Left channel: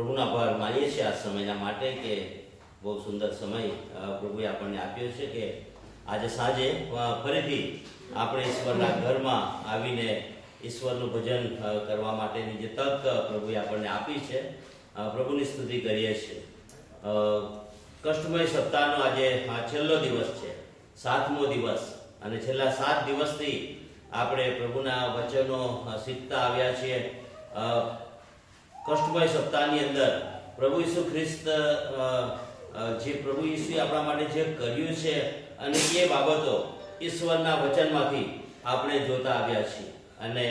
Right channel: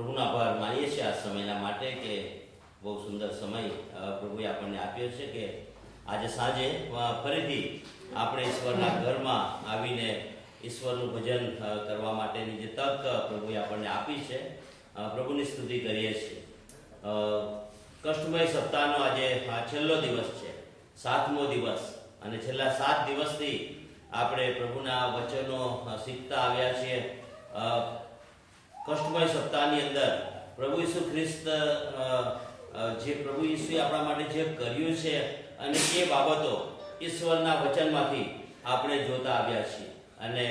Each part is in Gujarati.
પ્રભુના આભાર માનીએ છીએ આ સમયના માટે કે બહુ સુંદર સમય પ્રભુએ આપણને આપ્યો છે કે આજે સાંજે ફરીથી આપણે ઈશ્વરના ઘરમાં આવીને ઈશ્વરનું ભજન કરવા માટેની જે તક પ્રભુએ આપણને આપી છે, પ્રભુની સ્તુતિ કરીએ છીએ. કષ્ટમય સપ્તાહનો આજે છેલ્લો દિવસ છે, 7મો દિવસ, અને છેલ્લા 7 દિવસથી આપણે પ્રભુના વચનો શીખતા આવ્યા છીએ. કષ્ટમય સપ્તાહની અંદર પ્રભુ ઈસુ ખ્રિસ્ત જે પ્રભુ ઈસુએ આપણા માટે જે કર્યું છે અને એ બાબતો ઈશ્વરના વચનમાંથી આપણે જોતા આવ્યા છીએ. અને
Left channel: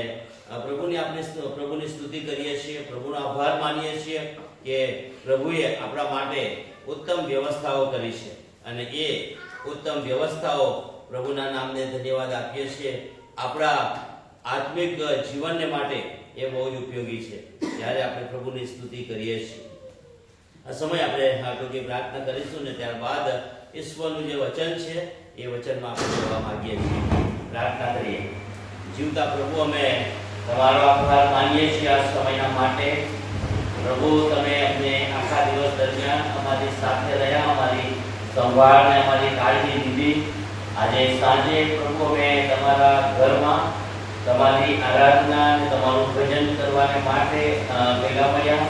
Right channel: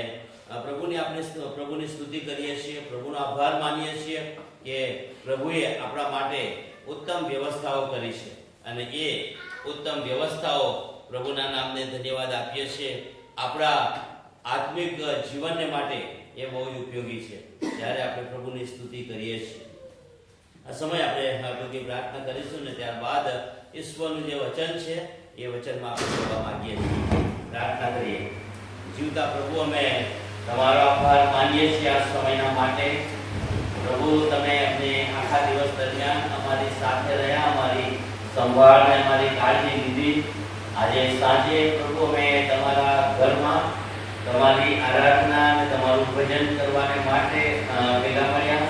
પ્રભુની સ્તુતિ કરીએ છીએ, પ્રભુનો આભાર માનીએ છીએ કે પ્રભુએ આપણા માટે ઉત્તમ વ્યવસ્થાઓ કરી છે અને એ ઉત્તમ વ્યવસ્થાઓ પ્રભુના નામને ધન્યવાદ આપીએ છીએ. આપણા આત્મિક જીવનને માટે એ બહુ જ ઉપયોગી છે જ્યારે આપણે પ્રભુની સ્તુતિ કરીએ છીએ. આ સમય આપણે ટૂંકી પ્રાર્થના કરીશું ને ત્યારબાદ ઈશ્વરનું જે વચન છે એ વચનમાં આપણે જોવા માંગીએ છીએ. પ્રાર્થના કરીએ. જીવતા પ્રભુ, અમે તમારો આભાર માનીએ છીએ આ સમયના માટે. પ્રભુ, તમે અમને આખા દિવસ દરમિયાન અમારી સાથે રહ્યા, અમારી સંભાળ અને અમારી કાળજી લીધી. આજે સાંજે પ્રભુ અમે તમારા ઘરમાં તમારી આરાધના અને તમારું ભજન કરવાને માટે ભેગા મળ્યા.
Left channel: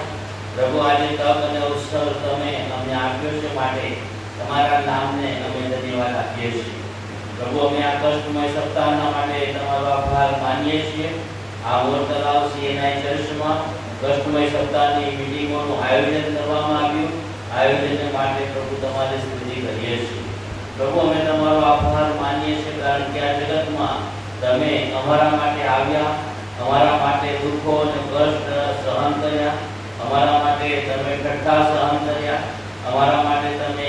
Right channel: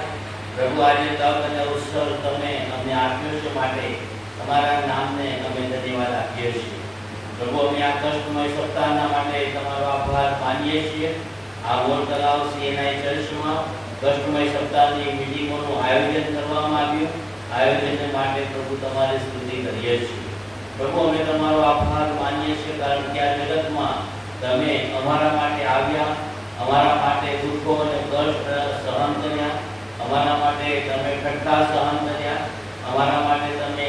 પ્રભુ, આજે તક અને ઉત્સવ તમે અમને આપ્યો છે માટે તમારા નામને અમે ધન્યવાદ આપીએ છીએ. પ્રભુ, અમે આ કષ્ટમય સપ્તાહના માટે તમારો આભાર માનીએ છીએ. આ મોર તલાવ સીએનઆઈ ચર્ચમાં કષ્ટમય સપ્તાહની મીટિંગોનું આયોજન કરવામાં આવ્યું. આયોજનને માટે પ્રભુ તમારી સ્તુતિ કરીએ છીએ. પ્રભુ, અમે તમારો આભાર માનીએ છીએ કારણ કે આ જગતમાં તમે અમારા માટે આવ્યા, અમારા માટે દુઃખો અને કષ્ટ સહન કર્યા, અમારા માટે તમે ઠઠ્ઠા સહન કર્યા, અમારા માટે તમે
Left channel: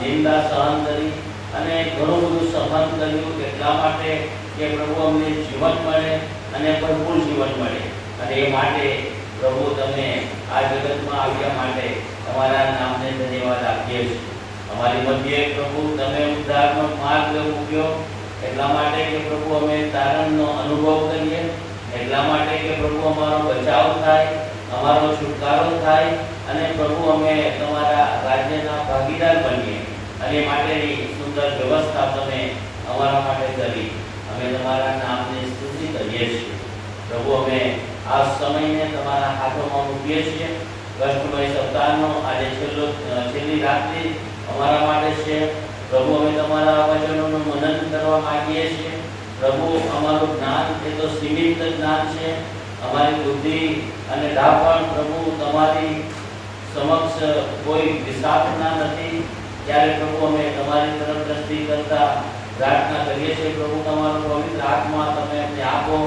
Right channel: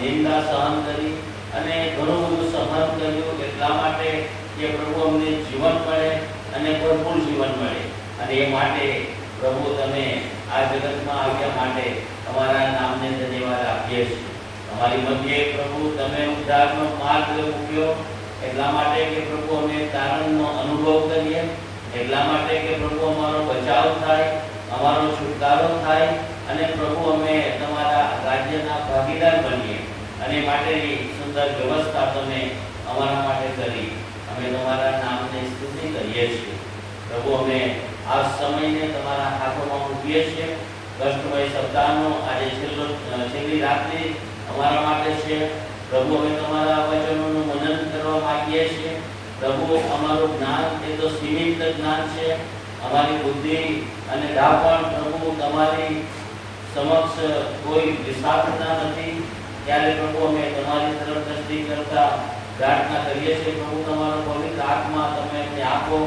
નિંદા સહન કરી અને ઘણું બધું સહન કર્યું. એટલા માટે કે પ્રભુ અમને જીવન મળે અને ભરપૂર જીવન મળે. અને એ માટે પ્રભુ તમે આ જગતમાં આવ્યા માટે તમારા નામને ધન્યવાદ આપીએ છીએ. અમારી મધ્યે પ્રભુ તમે ઉદ્ધારનો માર્ગ મૂક્યો એટલા માટે કે પ્રભુ અમે તારણનો અનુભવ કરીએ, એટલા માટે કે પ્રભુ અમારો બચાવ થાય, અમારો છુટકારો થાય અને પ્રભુ અમે તમારા રાજ્યના ભાગીદાર બનીએ. અને માટેની સુંદર વ્યવસ્થા તમે અમારા માટે કરી. અમે તમારા નામને સ્તુતિ કરીએ છીએ. પ્રભુ, અમે આ સમયને તમારા હાથોમાં મૂકીએ છીએ. કષ્ટમય સપ્તાહનો આજે છેલ્લી રાત્રિ અમારા માટે છે. પ્રભુ, અમે તમારા વચનોનું મનન કરવા માંગીએ છીએ. પ્રભુ, અમારું જ્ઞાન એ તો સીમિત જ્ઞાન છે. અમારી બુદ્ધિ અને ડાપણ પ્રભુ તમારી સમક્ષ કોઈ વિશાળતા નથી. ત્યારે પ્રભુ અમે તમારી તરફ દ્રષ્ટિ કરતા પ્રાર્થના કરીએ છીએ. પ્રભુ, તમારો પવિત્ર આત્મા તમે અમને આપો.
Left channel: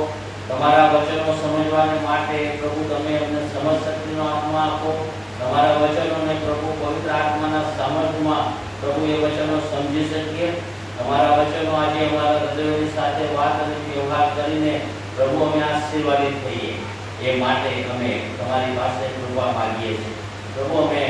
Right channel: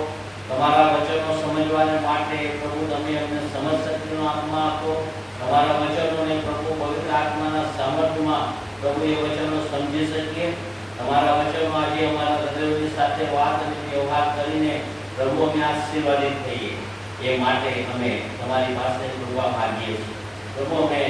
તમારા વચનો સમજવાને માટે પ્રભુ તમે અમને સમજ શક્તિનો આત્મા આપો. તમારા વચનોને પ્રભુ પવિત્ર આત્માના સામર્થ્યમાં પ્રભુ એ વચનો સમજી શકીએ. તમારા વચનો આજે અમારા હૃદયોની સાથે વાત અને વ્યવહાર કરીને પ્રભુ અમે આશીર્વાદિત થઈએ. એ માટે અમે તમારી પાસે જોવા માંગીએ છીએ. પ્રભુ, અમે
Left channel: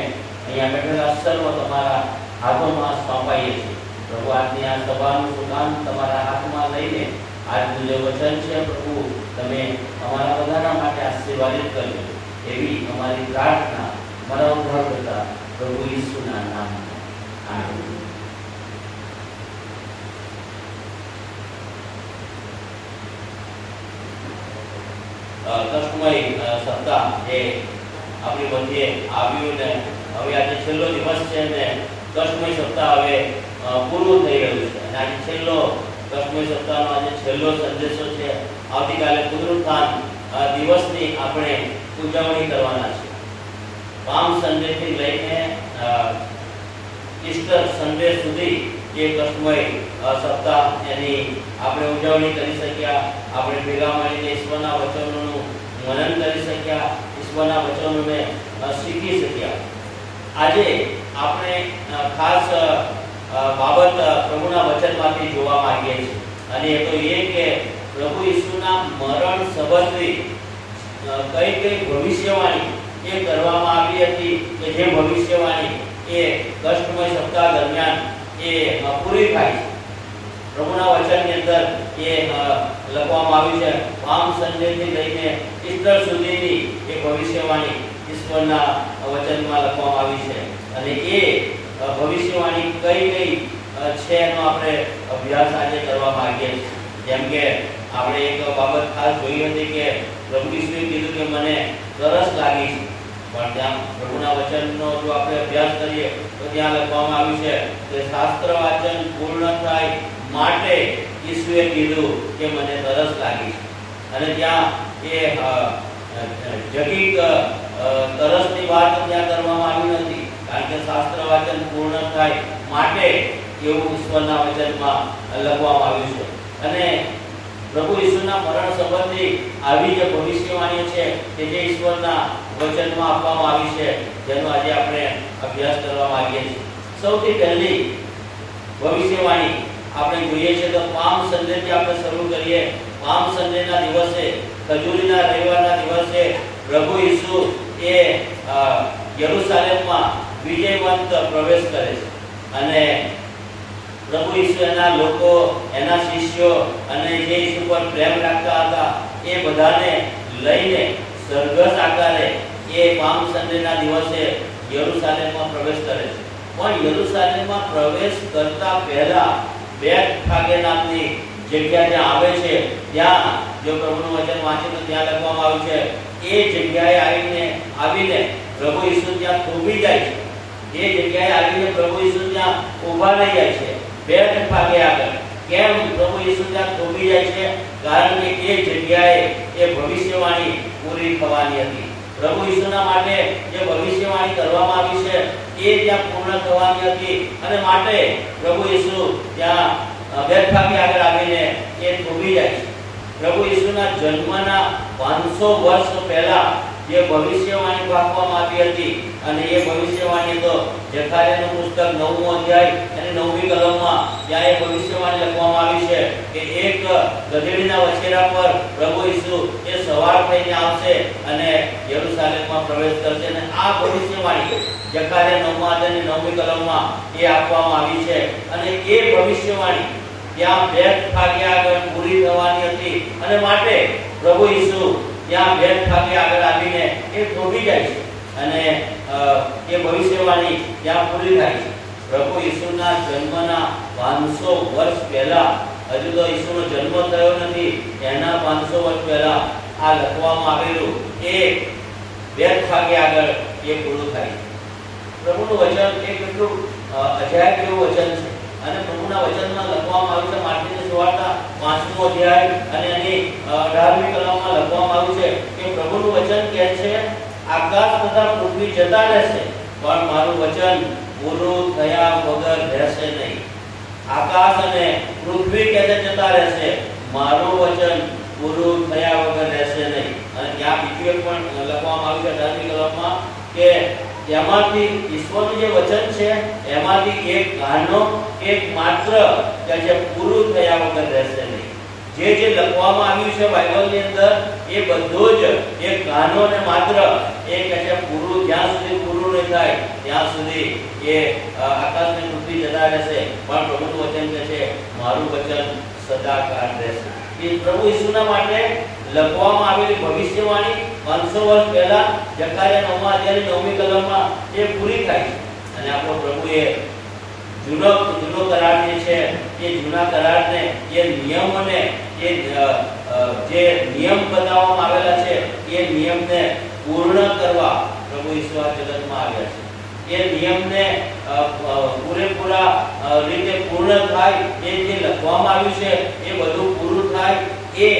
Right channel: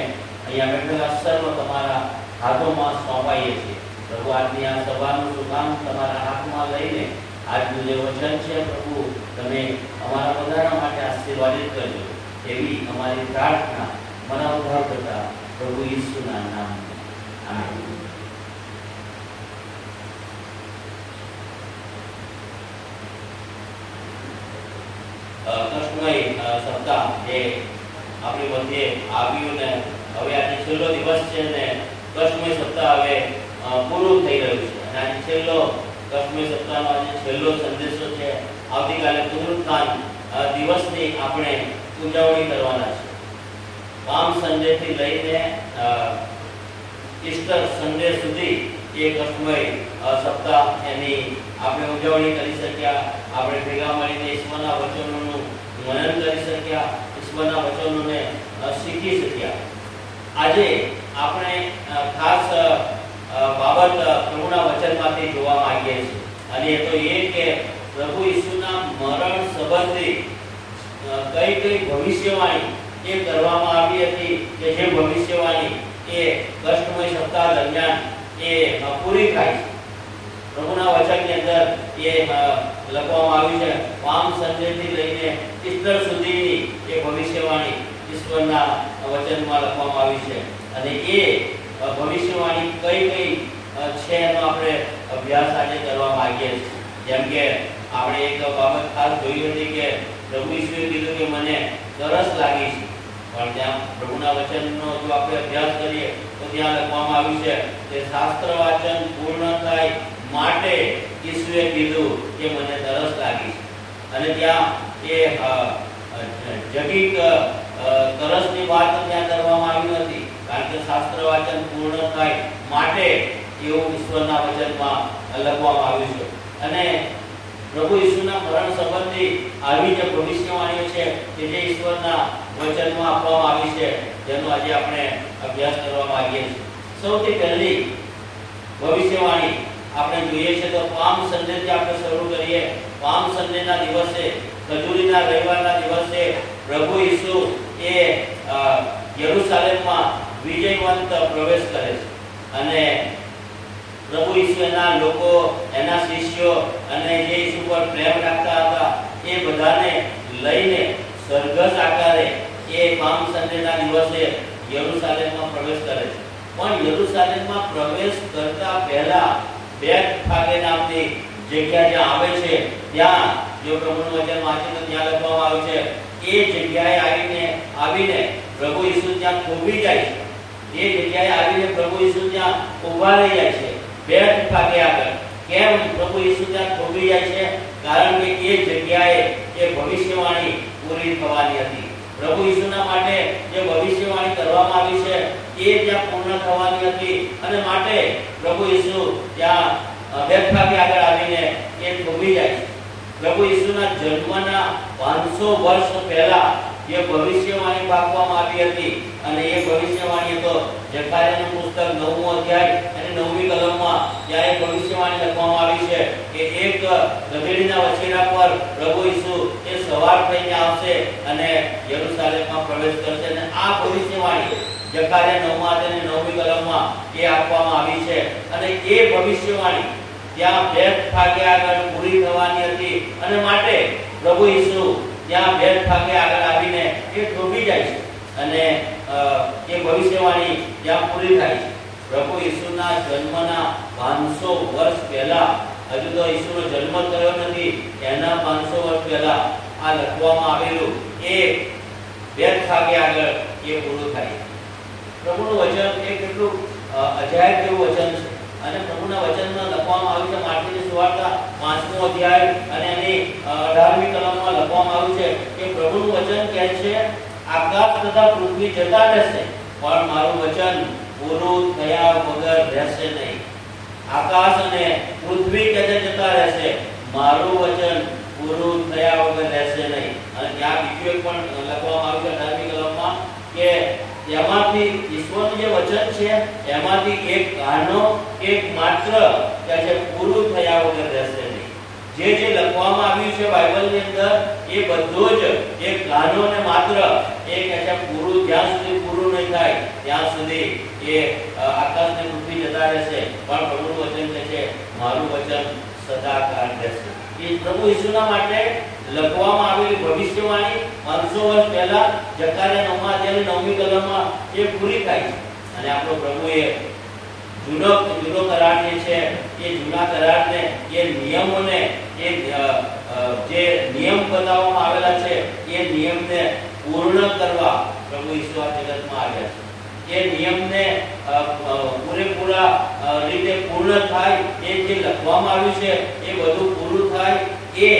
અહીંયા બેઠેલા સર્વ તમારા હાથોમાં સોંપાઈએ છીએ. પ્રભુ, આજની આ સભાનું સુકામ તમારા હાથમાં લઈને આજનું જે વચન છે પ્રભુ તમે અમારા બધાના માટે આશીર્વાદિત કરજો. એવી અમારી પ્રાર્થના મારા ઉદ્ધારકર્તા પ્રભુ ઈસુના નામમાં. આમીન. કષ્ટમય સપ્તાહ એ આપણી મધ્યે આવ્યું ને હવે આજે છેલ્લો દિવસ છે ને કષ્ટમય સપ્તાહ હવે પૂરું થઈ રહ્યું છે. અને આજે છેલ્લો કષ્ટમય સપ્તાહનો આજે છેલ્લો સંદેશો છે. આવતીકાલે પુનરુત્થાન દિવસની આપણે ઉજવણી કરવાના છે. પામ સન્ડે થી લઈને ઈસ્ટર સન્ડે સુધી એ કષ્ટમય સપ્તાહ એની આપણે ઉજવણી કરી શક્યા. આપણે ભેગા મળીને ઈશ્વરના વચનોનું મનન કરી શક્યા, ઈશ્વરના વચનોને શીખી શક્યા. આજે આપણે ખાસ બાબત પ્રભુના વચનમાંથી જોવા માંગીએ છીએ. અને એ તો એ કે પ્રભુ ઈસુના મરણ સંબંધી કઈ કઈ ભવિષ્યવાણી એ કરવામાં આવી હતી કે જે ભવિષ્યવાણી એ કષ્ટમય સપ્તાહ દરમિયાન એ પૂરી થાય છે. પ્રભુના વચનની અંદર એ લખવામાં આવ્યું છે. પામ સન્ડે થી લઈને ઈસ્ટર સુધીની એ ભવિષ્યવાણી ઈશ્વરના વચનમાં લખવામાં આવી છે. અને એ ભવિષ્યવાણી કઈ કઈ છે એનો આપણે અભ્યાસ આજે કરવા માંગીએ છીએ. જેમ કે આપણે એક બાબત ખાસ જોઈ હતી કે પ્રભુ ઈસુએ કીધું કે મને તરસ લાગી છે, પણ ત્યાં પ્રભુના વચનનો જો આપણે અભ્યાસ કરીએ તો ત્યાં લખવામાં આવ્યું છે કે શાસ્ત્ર વાચન પૂર્ણ થાય માટે ઈસુએ કીધું કે મને તરસ લાગી છે. અને ત્યાં એ જગીક તરસની વાત ત્યાં કરવામાં આવી નથી, કારણ કે શાસ્ત્ર વાચન પૂર્ણ થાય માટે એવું ઈશ્વરના વચનમાં લખવામાં આવ્યું છે. અને પ્રભુ ઈસુના મરણ સંબંધી આવી જે ભવિષ્યવાણીઓ છે કે જે ઈશ્વરના વચનમાં આપવામાં આવી છે, જેનો આજે આપણે અભ્યાસ કરવા માંગીએ છીએ. સૌથી પહેલી ભવિષ્યવાણી આપણે જોઈએ છે તો પામ સન્ડેથી આપણે શરૂ કરીએ. પામ સન્ડેના દિવસે, ખજૂરીના રવિવારના દિવસે પ્રભુ ઈસુ એ યરુશલેમમાં વિજયવંત પ્રવેશ કરે છે. અને પ્રભુ ઈસુ એના લોકો, એના શિષ્યો અને જે ઈસુ પર પ્રેમ રાખતા હતા એ બધાને લઈને સરઘસ આકારે એ પામ સન્ડેના દિવસે યરુશલેમમાં પ્રવેશ કરે છે. પણ યરુશલેમમાં પ્રવેશ કરતા પહેલા બેથફાગે નામની જગ્યા જ્યાં આવે છે, ત્યાં જો પ્રભુનું વચન વાંચે તો ત્યાં લખવામાં આવ્યું છે એ જગ્યાએ આવીને પ્રભુ ઈસુ ત્યાં થોભી જાય છે. એ જગ્યાએ આવીને પ્રભુ ઈસુ ત્યાં ઊભા રહી જાય છે બેથફાગે આગળ. કેમ પ્રભુ ઈસુ ત્યાં થોભી જાય છે? કારણ કે એ જગ્યાએ એ ભવિષ્યવાણી પૂરી થવાની હતી. પ્રભુ ઈસુના માટે જે ભવિષ્યવાણી કરવામાં આવી છે એ ત્યાં પૂર્ણ થવાની હતી, અને માટે પ્રભુ ઈસુ ત્યાં બેથફાગે આગળ આવીને એ થોભી જાય છે. પ્રભુ ઈસુના જન્મના 500 વર્ષ પહેલા જે ભવિષ્યવાણી આપવામાં આવી હતી, અને એ ભવિષ્યવાણી તો જકારિયાનું પુસ્તક 9મો અધ્યાય અને 9મી કલમમાં ત્યાં એ ભવિષ્યવાણી લખવામાં આવી છે કે એક ગધેડીના વછેરા પર પ્રભુ ઈસુ એ સવાર થઈને આવશે અને યરુશલેમમાં પ્રવેશ કરશે. અને આ ભવિષ્યવાણી જકારિયા 9મા અધ્યાય અને 9મી કલમમાં એ આપવામાં આવી છે. અને એ ભવિષ્યવાણી ત્યાં બેથફાગે આગળ પૂરી થવાની હતી, અને માટે પ્રભુ ઈસુ ત્યાં બેથફાગે આગળ આવીને એ થોભી જાય છે અને એ ભવિષ્યવાણી ત્યાં પૂરી થાય છે. પ્રભુ ઈસુના જન્મના 500 વર્ષ પહેલા, હજુ તો ઈસુનો જન્મ થયો નથી, એના 500 વર્ષ પહેલા આ લખવામાં આવેલું એ બેથફાગે આગળ એ પૂરું થાય છે. પ્રભુનું વચન એ કેટલું અજાયબ જેવું વચન છે. અને પ્રભુના વચનમાં લખવામાં આવ્યું છે માર્કની સુવાર્તા 5મો અધ્યાય અને એની 18મી કલમમાં લખવામાં આવ્યું છે કે પ્રભુનું વચન કહે છે આકાશ તથા પૃથ્વી જતા રહેશે પણ મારું વચન પૂરું થયા વગર રહેશે નહીં. આકાશ અને પૃથ્વી કે જતા રહેશે, મારું વચન પૂરું થયા વગર રહેશે નહીં. અને ત્યાં બીજું એક પણ લખવામાં આવ્યું છે 18મી કલમમાં કે એમાંથી ઈશ્વરનું જે વચન છે એમાંથી એક કાનો એક માત્ર કે છે પૂરું થયા વગર રહેશે નહીં. જે લખવામાં આવ્યું છે બાઇબલની અંદર એ બધું જ એક કાનો ને માત્ર એ કે છે પૂરું, જ્યાં સુધી પૂરું નહીં થાય ત્યાં સુધી એ આકાશ ને પૃથ્વી જતા રહેશે, પણ પ્રભુનું વચન કે છે મારું વચન સદાકાળ રહેશે. એ પ્રભુ ઈસુના માટે લખવામાં આવેલી ભવિષ્યવાણી 500 વર્ષ પહેલા જકારિયા 9મા અધ્યાયની 9મી કલમમાં એ પૂરી થાય છે. અને આપણો પ્રભુએ જૂનો કરાર જે છે એ જૂના કરારને, એ નિયમોને, એ જે નિયમ બતાવવામાં આવેલા છે એ નિયમને પૂર્ણ કરવા પ્રભુ ઈસુ આ જગતમાં આવ્યા છે. એ નિયમને પૂરેપૂરા રીતે પૂર્ણ થાય, એ જે લખવામાં આવ્યું છે એ બધું પૂરું થાય, એ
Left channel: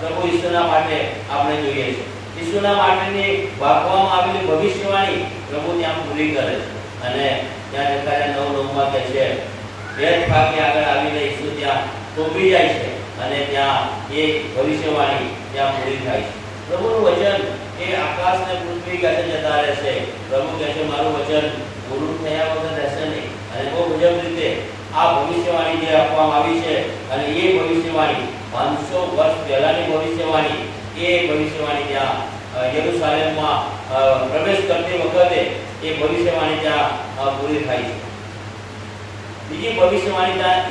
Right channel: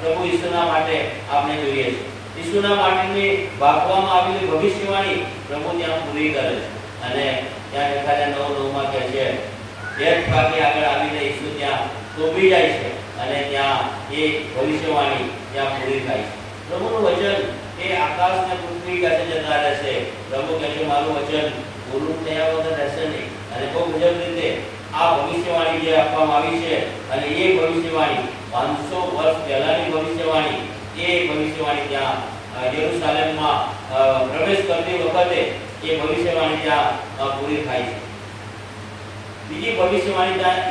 પ્રભુ ઈસુના માટે આપણે જોઈએ છે. ઈસુના માટેની વાપરવામાં આવેલી ભવિષ્યવાણી પ્રભુ ત્યાં પૂરી કરે છે. અને ત્યાં જકારિયા 9:9માં કહે છે બેથફાગે આગળ આવીને ઈસુ ત્યાં થોભી જાય છે અને ત્યાં એ ભવિષ્યવાણી ત્યાં પૂરી થાય છે. પ્રભુનું વચન એ આકાશ ને પૃથ્વી કાছে જતા રહેશે, પ્રભુ કહે છે મારું વચન પૂરું થયા વગર રહેશે નહીં. અને બહુ મુજબ રીતે આ ભવિષ્યવાણી જે આપવામાં આવી છે, અને એ ભવિષ્યવાણી 500 વર્ષ પહેલાની ભવિષ્યવાણી, એ ભવિષ્યવાણી ત્યાં યરુશલેમમાં પ્રવેશ કરતી વખતે એ ભવિષ્યવાણી ત્યાં પૂરી થાય છે. બીજી ભવિષ્યવાણી ત્યાં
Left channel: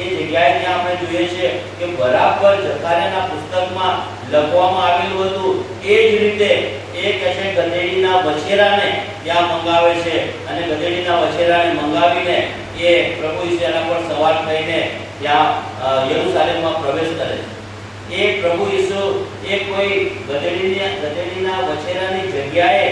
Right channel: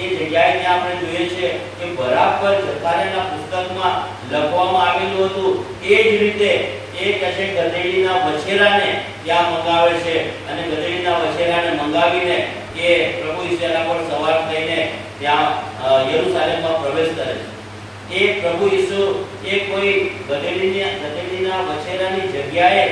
એ જગ્યાએ ત્યાં આપણે જોઈએ છે કે બરાબર જકારિયાના પુસ્તકમાં લખવામાં આવેલું હતું એ જ રીતે એ કહે છે ગધેડીના વછેરાને ત્યાં મંગાવે છે અને ગધેડીના વછેરાને મંગાવીને એ પ્રભુ ઈસુ એના પર સવાર થઈને ત્યાં યરુશલેમમાં પ્રવેશ કરે છે। એ પ્રભુ ઈસુ એ કોઈ ગધેડીના વછેરાની જગ્યાએ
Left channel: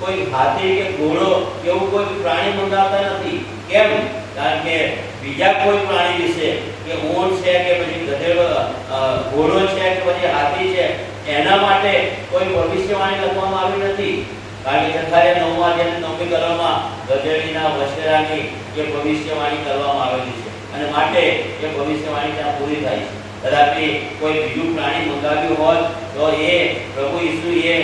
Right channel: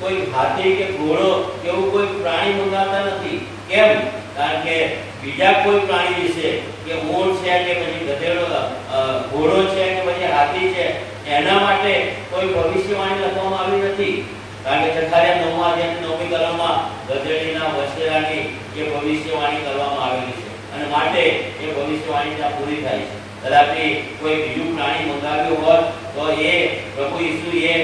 કોઈ હાથી કે ઘોડો કે એવું કોઈ પ્રાણી મંગાવતા નથી। કેમ? કારણ કે બીજા કોઈ પ્રાણી વિશે કે ઊંટ છે કે પછી ગધેડો ઘોડો છે કે પછી હાથી છે એના માટે કોઈ ભવિષ્યવાણી લખવામાં આવી નથી। કારણ કે જકારિયા 9મી કલમમાં ગધેડીના વછેરાની જે ભવિષ્યવાણી કરવામાં આવેલી છે અને માટે એ ભવિષ્યવાણી ત્યાં પૂરી થાય છે। કદાપી કોઈ બીજું પ્રાણી મંગાવ્યું હોત તો એ પ્રભુ ઈસુએ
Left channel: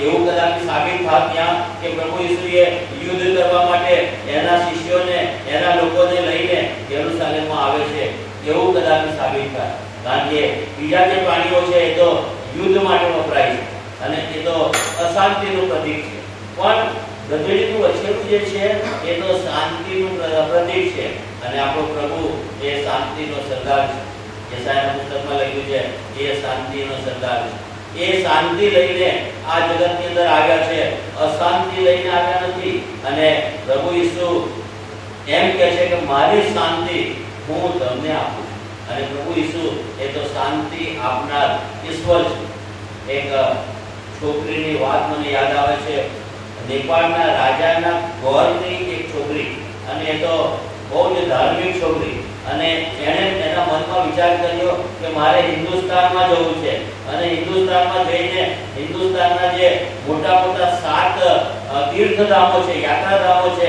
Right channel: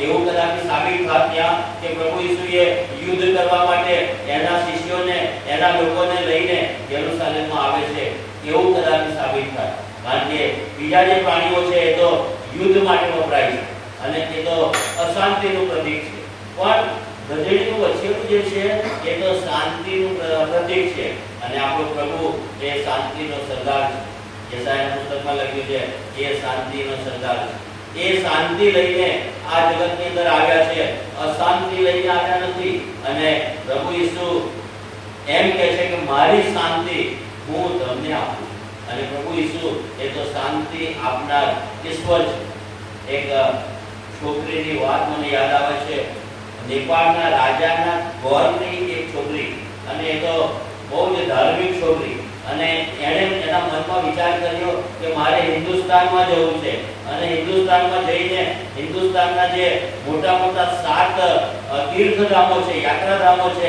એવું કદાપી સાબિત થાત ત્યાં કે પ્રભુ ઈસુએ યુદ્ધ કરવા માટે એના શિષ્યોને એના લોકોને લઈને યરુશલેમમાં આવે છે એવું કદાપી સાબિત થાય। કારણ કે બીજા જે પ્રાણીઓ છે એ તો યુદ્ધ માટે વપરાય છે અને એ તો અશાંતિનું પ્રતીક છે, પણ ગધેડીનું વછેરું જે છે એ તો શાંતિનું પ્રતીક છે અને આપણો પ્રભુ એ શાંતિનો સરદાર છે। યશાયાના પુસ્તકમાં લખ્યું છે એ શાંતિનો સરદાર છે। એ શાંતિ લઈને આ જગતની અંદર આવ્યા છે, અશાંતિ લઈને આવ્યા નથી। અને પ્રભુ ઈસુ એમ કહે છે કે મારી શાંતિ હું તમને આપું છું અને પ્રભુ ઈસુ એ તો શાંતિ આપનાર ઈશ્વર છે। એક છોકરીની વાત મને યાદ આવે છે। નેપાળના રાજાના ગોરની એક છોકરી અને એ તો બહુ જ ધાર્મિક છોકરી અને એણે એના મનમાં વિચાર કર્યો કે મારે હિન્દુસ્તાનમાં જવું છે અને હિન્દુસ્તાનમાં જઈને હિન્દુસ્તાનના જે મોટા મોટા 7 તીર્થધામો છે, યાત્રાધામો છે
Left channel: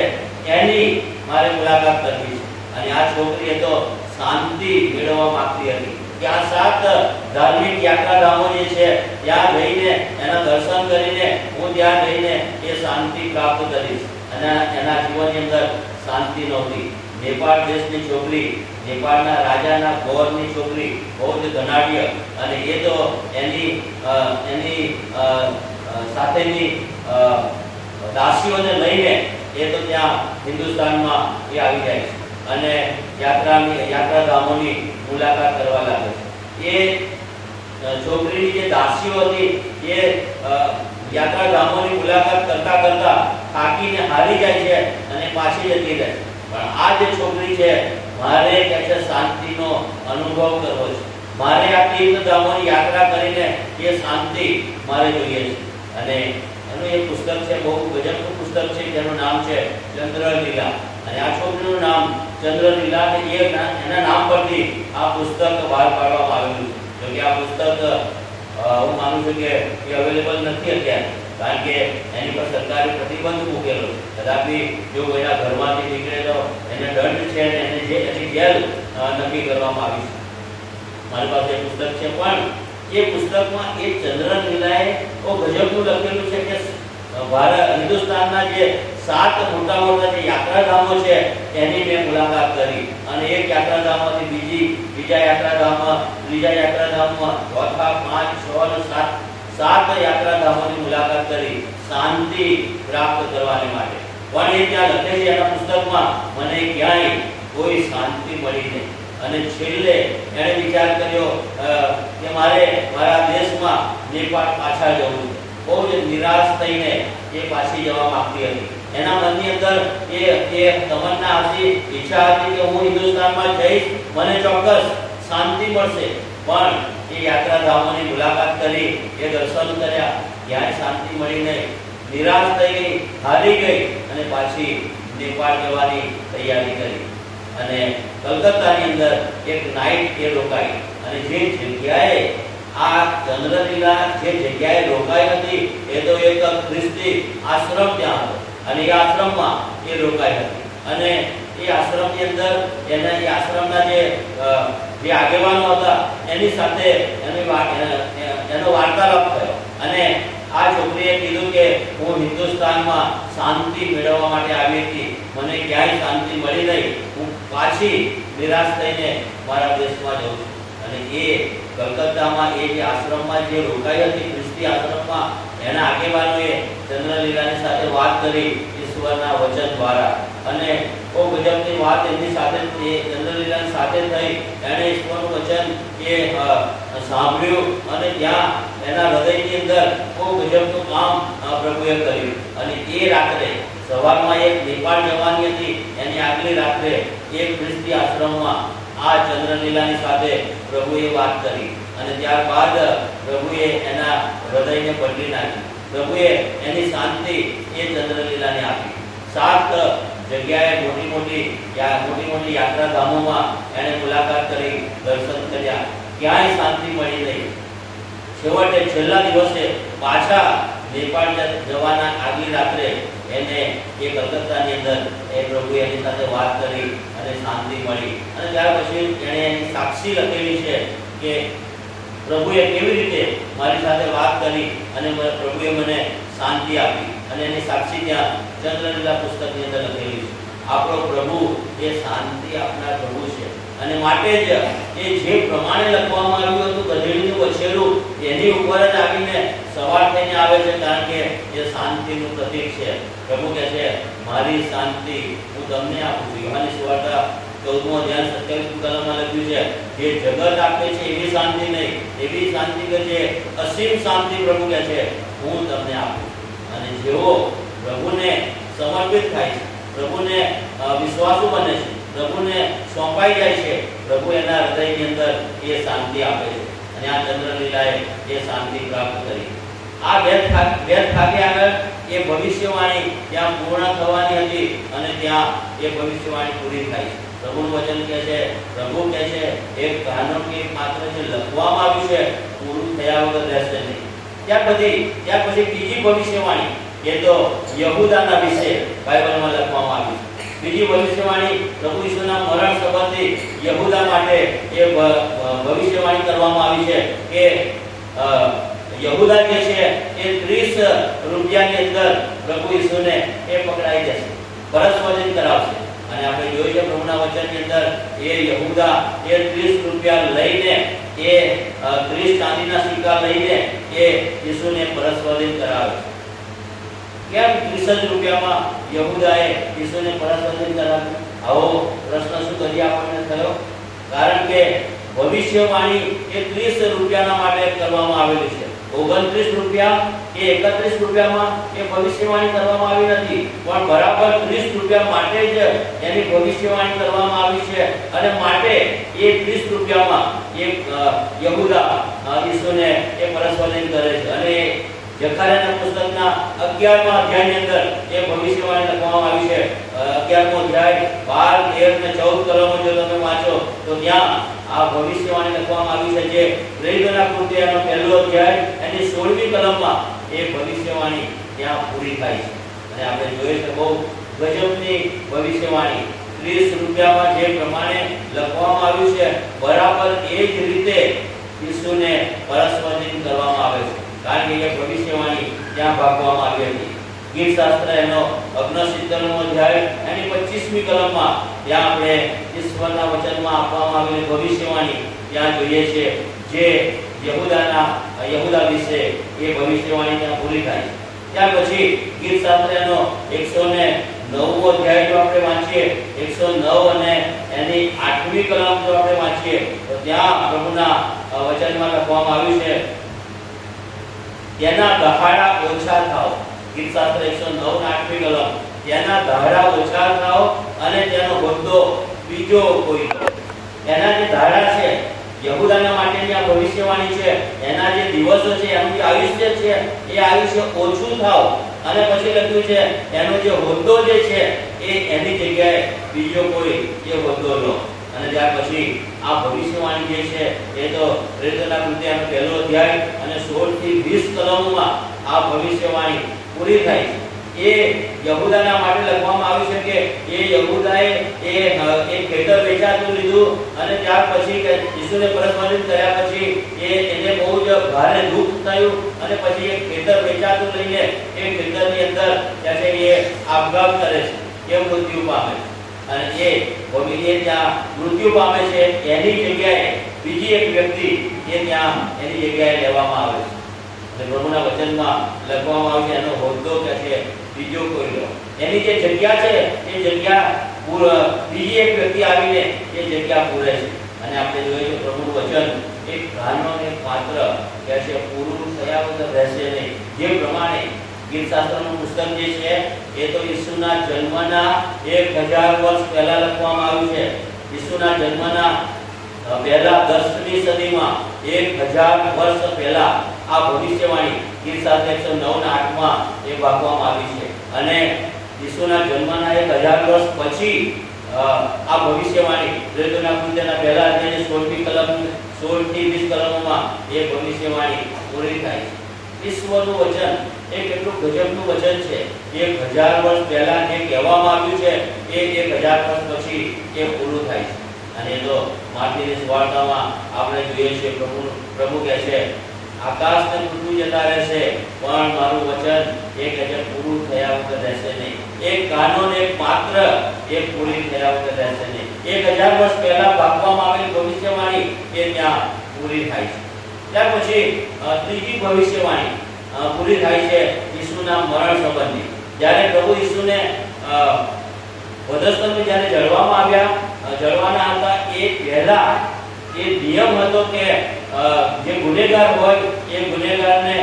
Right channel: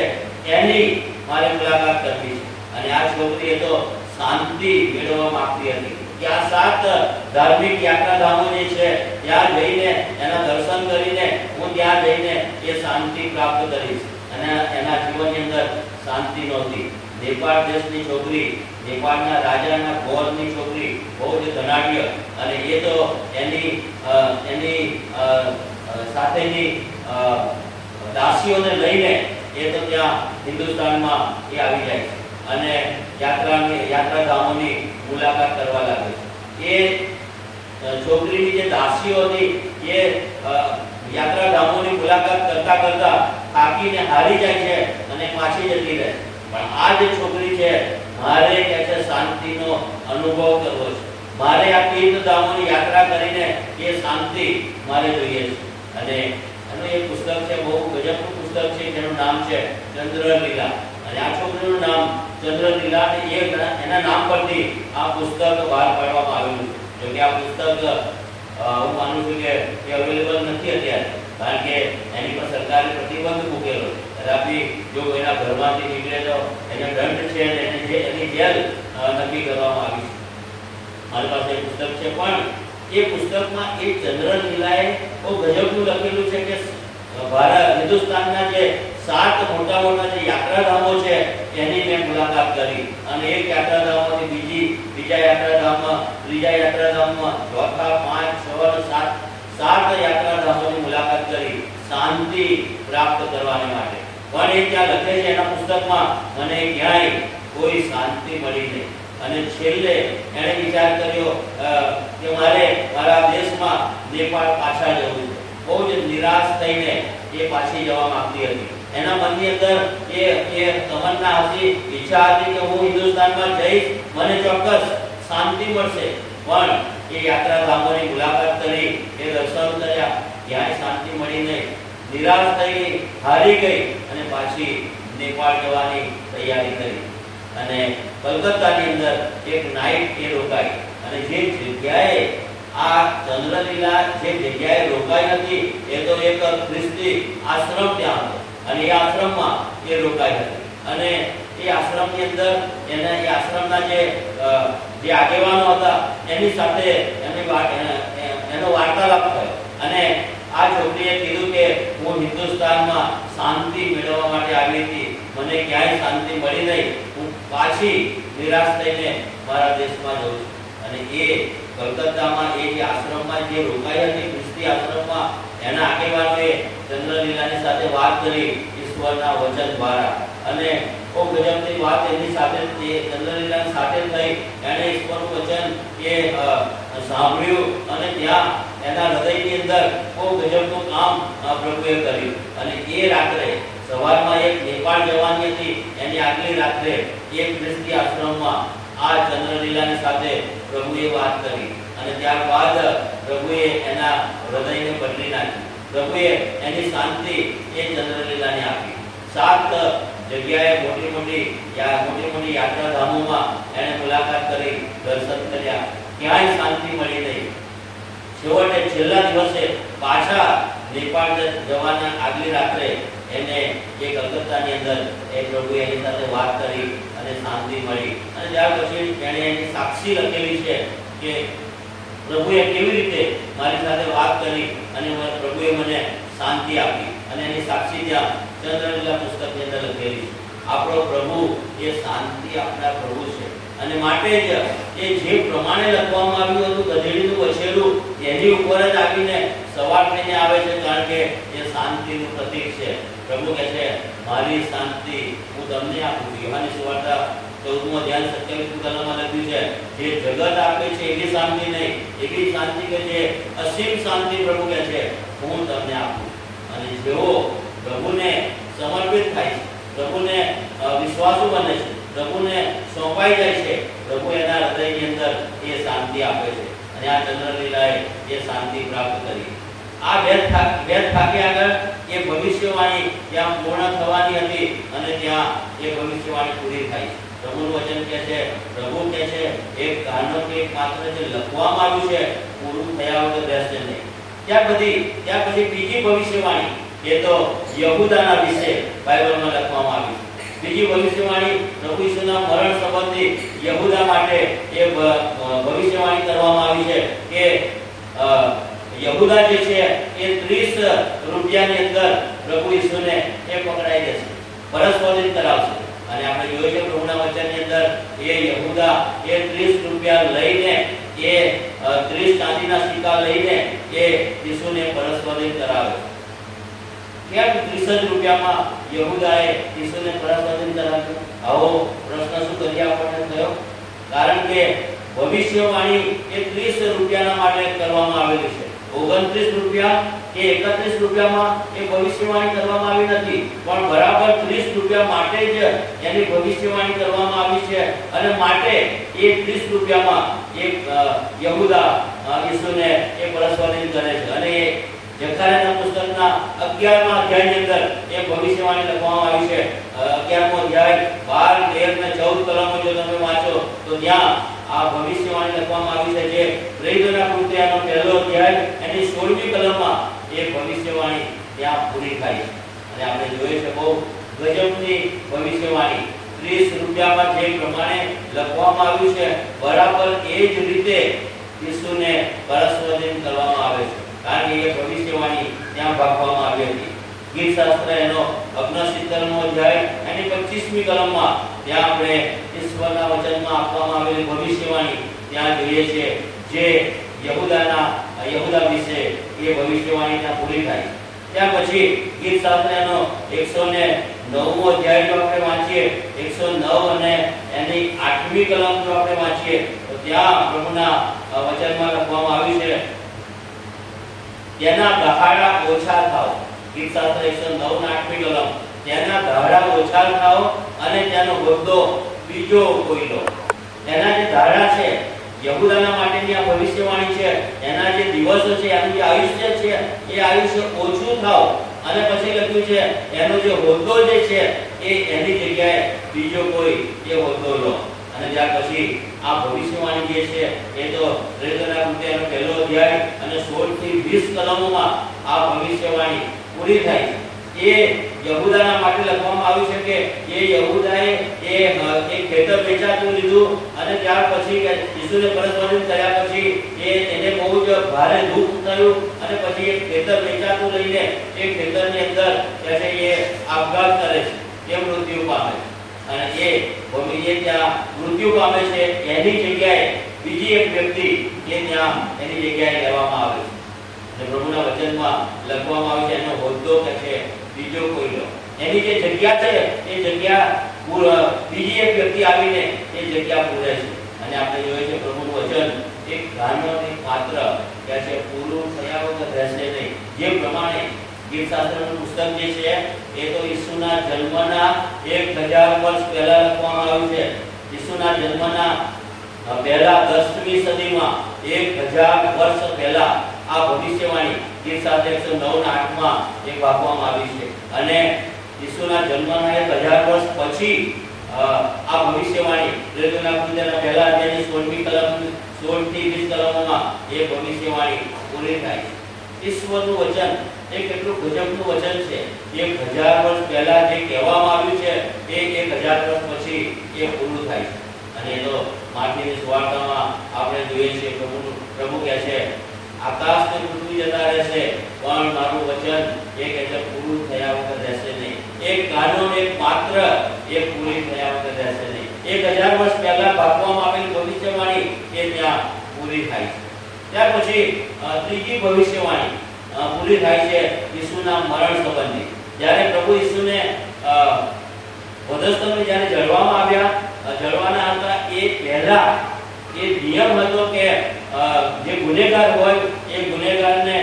એની મારે મુલાકાત કરવી છે। અને આ છોકરીએ તો શાંતિ મેળવવા માંગતી હતી કે આ 7 ધાર્મિક યાત્રાધામો જે છે ત્યાં જઈને એના દર્શન કરીને હું ત્યાં જઈને એ શાંતિ પ્રાપ્ત કરીશ અને એના જીવનની અંદર શાંતિ નહોતી। નેપાળ દેશની છોકરી, નેપાળના રાજાના ગોરની છોકરી, બહુ જ ધનાઢ્ય અને એ તો એની સાથેની દાસીઓને લઈને એ તો ત્યાં હિન્દુસ્તાનમાં એ આવી જાય છે અને યાત્રાધામોની મુલાકાત કરવા લાગે છે। એ છોકરીની જે દાસીઓ હતી એ યાત્રાધામોની મુલાકાત કરતા કરતા થાકીને હારી જાય છે અને પાછી જતી રહે। પણ આ જે છોકરી છે મારે કે છે શાંતિનો અનુભવ કરવો છે, મારે આ તીર્થધામોની યાત્રા કરીને એ શાંતિ મારે જોઈએ છે। અને એનું એક પુસ્તક છે, બહુ ગજબનું પુસ્તક છે જેનું નામ છે ચંદ્રલીલા અને આ છોકરીનું નામ ચંદ્રલીલા અને એના નામ પરથી આ પુસ્તક બહાર પાડવામાં આવેલું છે। જો કે આ પુસ્તક હું માનું છું કે એ અવેલેબલ નથી અત્યારે, કારણ કે એની પર સરકારે પ્રતિબંધ મૂકેલો છે। કદાપી જો એના ઘરમાંથી નીકળે તો એને દંડ છે અને એની જેલ નક્કી કરવામાં આવી છે। મારી પાસે પુસ્તક છે, પણ એ પુસ્તકમાં એ ચંદ્રલીલાએ બહુ ગજબનું લખેલું છે કે હિન્દુસ્તાનના જે 7 મોટા મોટા જે યાત્રાધામો છે એની મેં મુલાકાત કરી અને એક યાત્રાધામમાંથી બીજા યાત્રાધામમાં, ત્રીજા યાત્રાધામમાં, ચોથા, 5, 6 અને 7 યાત્રાધામોની મુલાકાત કરી શાંતિ પ્રાપ્ત કરવાને માટે। પણ એ ત્યાં લખેલી એના પુસ્તકમાં મને ક્યાંય કોઈ શાંતિ મળી નહીં અને છેલ્લે એણે વિચાર કર્યો કે મારે મારા દેશમાં નેપાળ પાછા જવું છે। બહુ જ નિરાશ થઈને એ પાછી જવા માંગતી હતી। એના મનની અંદર એ તમન્ના હતી, ઈચ્છા હતી કે હું હિન્દુસ્તાનમાં જઈશ, મને ચોક્કસ શાંતિ મળશે। પણ એ યાત્રાધામોની મુલાકાત કરી, એ દર્શન કર્યા, ક્યાંય શાંતિ મળી નહીં, નિરાશ થઈ ગઈ, હારી ગઈ અને પાછી નેપાળ જવાની તૈયારી કરી અને કલકત્તાની અંદર એક નાઈટ એ રોકાઈ અને જે જગ્યાએ આ ચંદ્રલીલા જે જગ્યાએ રોકાઈ હતી એ તો એક ખ્રિસ્તી આશ્રમ ત્યાં હતો અને એ આશ્રમમાં એ રોકાઈ હતી અને એ આશ્રમની અંદર એ આશ્રમના જે આગેવાનો હતા એની સાથે એનો વાર્તાલાપ થયો અને આ છોકરીએ કીધું કે હું હિન્દુસ્તાનમાં શાંતિ મેળવવા માટે આવી હતી, મને ક્યાંય શાંતિ મળી નહીં, હું પાછી નિરાશ થઈને મારા દેશમાં જઉં છું। અને એ કલકત્તામાં એ જે આશ્રમમાં જે રોકાઈ હતી, ખ્રિસ્તી આશ્રમમાં, એના આગેવાનોએ ચંદ્રલીલાની સાથે વાત કરી ઈશ્વરના વચન દ્વારા અને બહુ ગજબની વાત એમની સાથે ચંદ્રલીલાની સાથે થઈ। એણે ઈશ્વરનું વચન એ સાંભળ્યું અને ત્યાં એના હૃદયની અંદર બહુ બહુ ગજબનું કામ પ્રભુએ કર્યું. અને એ રાત્રે સવારમાં એક નેપાળ જવાની હતી, એની આગલી રાત્રે એક ખ્રિસ્તી આશ્રમમાં આ ચંદ્રલીલાની સાથે પ્રભુએ વાત કરી અને ત્યારબાદ પ્રભુએ એના હૃદયને બદલી નાખ્યું. પ્રભુએ એની શાંતિ એ ચંદ્રલીલાને આપી. 7 જગ્યાએ મોટી મોટી યાત્રાધામોમાં એને મુલાકાત કરી, દર્શન કર્યા, ક્યાંય શાંતિ મળી નહીં. છેવટે છેલ્લા દિવસે પાછા નેપાળ જવાના આગલી રાત્રે એને એ કલકત્તાની અંદર એ પ્રભુએ એની સાથે વાત કરી અને શાંતિ મળી. અને ત્યાર પછી એણે એની સાક્ષી લખેલી છે કે પ્રભુએ કેવી રીતે મારી સાથે વાત કરી અને પ્રભુએ મને શાંતિ આપી. અને એની સાક્ષી ત્યાં ચંદ્રલીલા પુસ્તકની અંદર લખેલી છે. આપણો પ્રભુ એ શાંતિ આપનાર પ્રભુ છે. અને માટે જ એ જે પ્રમાણે લખવામાં આવ્યું હતું ગધેડીનું વછેલું એની ઉપર જ આવીને સવાર થઈને આવે છે, કારણ કે એ શાંતિનું પ્રતીક છે. પ્રભુ કહે છે મારી શાંતિ હું તમને આપું છું. યોહાનની સુવાર્તા 14મો અધ્યાય 27મી કલમમાં લખ્યું છે જે જગત આપે છે એવી શાંતિ નહીં, એવી શાંતિ કે જે અસીમ શાંતિ પ્રભુ કહે છે હું તમને આપું. અને જેઓ પ્રભુને સમર્પિત થાય છે, પ્રભુને વિશ્વાસુ બને છે, પ્રભુને સોંપાઈ જાય છે, પ્રભુ એના હૃદયની અંદર એ શાંતિ આપે છે. અને આ ચંદ્રલીલાએ એ શાંતિ પ્રાપ્ત કરી. આ વેદ ખાતે આગળ એ ભવિષ્યવાણી ત્યાં પૂર્ણ થવાની હતી અને ત્યાં એ ભવિષ્યવાણી પૂરી થાય છે. પ્રભુનું વચન કહે છે, પ્રભુ કહે છે એક ગાનો કે માત્ર જે લખવામાં આવ્યું છે પૂરું થયા વગર રહેશે નહીં. ત્યાર પછી બીજી ભવિષ્યવાણી એ તો યહૂદાના વિશે બાઇબલમાં લખવામાં આવી છે. બીજી ભવિષ્યવાણી પ્રભુ ઈસુના મરણ સંબંધી યહૂદા માટે એ ભવિષ્યવાણી કરવામાં આવી છે કે યહૂદા જે છે એ 30 રૂપિયાની અંદર પ્રભુ ઈસુને એ પકડાઈ જશે, પરસ્પરિત કરાવશે. અને આપણે જોઈએ છે પ્રભુના વચનની અંદર એ યહૂદા એ 30 રૂપિયા લઈને એ 30 ચાંદીના સિક્કા લઈને એ ઈસુને પરસ્પરિત કરાવે છે. કેમ 30 રૂપિયામાં યહૂદાએ ઈસુને પરસ્પરિત કરાવ્યું? આવો પ્રશ્ન શું કરી આપણને થયો? કારણ કે ભવિષ્યવાણી એ 30 રૂપિયાના માટે કરવામાં આવેલી છે. 29 રૂપિયા કે 31 રૂપિયામાં એ ભવિષ્યવાણી કરવામાં આવી નથી, પણ બરાબર 30 રૂપિયા માટે જ એની ભવિષ્યવાણી કરવામાં આવી છે. અને માટે એ 30 રૂપિયામાં એક યહૂદા ઈસુને એ પરસ્પરિત કરે છે. અને જકરિયાના પુસ્તકના 11મા અધ્યાયની અંદર એ ભવિષ્યવાણી લખવામાં આવી છે. 11મો અધ્યાય 12, 13 ને 14 કલમો જો તમે વાંચો તો ત્યાં આ ભવિષ્યવાણી લખવામાં આવી છે. જે પ્રેરિતોના કૃત્યનો પહેલો અધ્યાય એની 16મી કલમમાં એ ભવિષ્યવાણી ત્યાં પૂરી થાય છે. અને આપણે જોઈએ છે બહુ ગજબની ભવિષ્યવાણી. 30 રૂપિયામાં જે પ્રમાણે લખવામાં આવ્યું છે બરાબર એ જ રીતે ઈસુને પરસ્પરિત કરવામાં આવે છે, કારણ કે એ ભવિષ્યવાણી ત્યાં ભાગવામાં આવી હતી. ગીત શાસ્ત્ર એનો 69મો અધ્યાય એની 25મી કલમમાં ત્યાં આપણે ઈશ્વરના વચનમાં આપવામાં આવેલી ભવિષ્યવાણી ત્યાં જોઈએ છે. જે યહૂદા વિશે એ ભવિષ્યવાણી ત્યાં પૂરી થાય. ત્યાર પછી ગીત શાસ્ત્ર એનો 109મો અધ્યાય જો આપણે વાંચીએ, 109 અને એની 8મી કલમ જો આપણે વાંચીએ તો ત્યાં પ્રભુના વચનમાં લખવામાં આવ્યું છે તેના દહાડા ઓછા થાઓ. ગીત શાસ્ત્ર 109 અને 8મી કલમ. તેના દહાડા ઓછા થાઓ અને તેનો હોદ્દો બીજો કોઈ લો. એના જે દહાડા છે યહૂદાના માટેની આ ભવિષ્યવાણી છે. એના જે દિવસો છે, એનું જે આયુષ્ય છે એ આયુષ્ય ઓછું થાવ. અને પછી લખ્યું છે એનો જે હોદ્દો જે છે એ એની જગ્યાએ બીજો કોઈ એ હોદ્દો લો. અને ત્યાર પછી આ ભવિષ્યવાણી જે છે એ તો પ્રેરિતોના કૃત્યનો પહેલો અધ્યાય અને 16 થી 20 કલમોમાં આ ભવિષ્યવાણી પૂરી થાય છે. એ યહૂદાના માટે લખવામાં આવ્યું છે કે એ યહૂદાએ એ ખેતર વેચાતું લીધું અને ત્યાર પછી ઈસુને પરસ્પરિત કર્યા પછી એને બહુ જ ભારે દુઃખ થયું અને પછી એ ખેતર વેચાતું લઈને એ ખેતરની અંદર એ આપઘાત કરે છે, એ મૃત્યુ પામે છે. અને એ ત્યાં મૃત્યુ પામે છે. એની જગ્યાએ બીજી એક વ્યક્તિ એ ત્યાં એની જગ્યાએ લેવામાં આવે છે. અને પ્રભુના વચનમાં લખવામાં આવ્યું છે એનો હોદ્દો કે છે બીજો કોઈ લો. એની જે જગ્યા છે એ જગ્યા બીજી એક વ્યક્તિ આવીને એ જગ્યા પૂરે છે. અને આપણે જોઈએ છે પ્રભુનું વચન એક ગાનો ને એક પાત્ર કે છે પૂરું થયા વગર રહેશે નહીં. જે પ્રમાણે ગીતશાસ્ત્રનું પુસ્તક જે છે એ તો ઈસુના જન્મના 1000 વર્ષ પહેલા લખવામાં આવ્યું છે. ઈસુના જન્મના પહેલા 10મી સદીમાં 1000 વર્ષ પહેલા આ ભવિષ્યવાણી ગીતશાસ્ત્ર 109 ના 8માં એ વાપરવામાં આવી છે. અને ઈસુના જન્મના 1000 વર્ષ પછી આ ભવિષ્યવાણી રેડિયોના પૂજનના પહેલા અધ્યાયની 16મી કલમ 16 થી 20 કલમોમાં એ ભવિષ્યવાણી પૂરી થાય છે. ઈશ્વરનું વચન એ કેટલું ગજબનું વચન છે. 1000 વર્ષ પહેલા જે કહેવામાં આવ્યું છે એ 1000 વર્ષ પછી એ પૂરું થાય છે. અને એનો માર્કની સુવાર્તામાં આપણે જોઈએ છીએ પ્રભુ કહે છે આકાશ ને પૃથ્વી જતા રહેશે પણ મારું વચન એ કહે છે પૂરું થયા વગર રહેશે નહીં. એક કાનૂન એક માત્ર એ પૂરી થયા વગર રહેશે નહીં. 1000 વર્ષ પહેલા બાંધવામાં આવેલી ભવિષ્યવાણી એ ત્યાં પૂરી થાય છે. ત્યાર પછી ત્રીજી ભવિષ્યવાણી પૂરી થાય છે ઈસુના મરણ સંબંધી. જ્યારે પ્રભુ ઈસુને વધસ્તંભે જ્યારે જળવામાં આવ્યા જળવાના હતા એ પહેલા એ નિયમ હતો કે જે ગુનેગાર હોય એ ગુનેગારને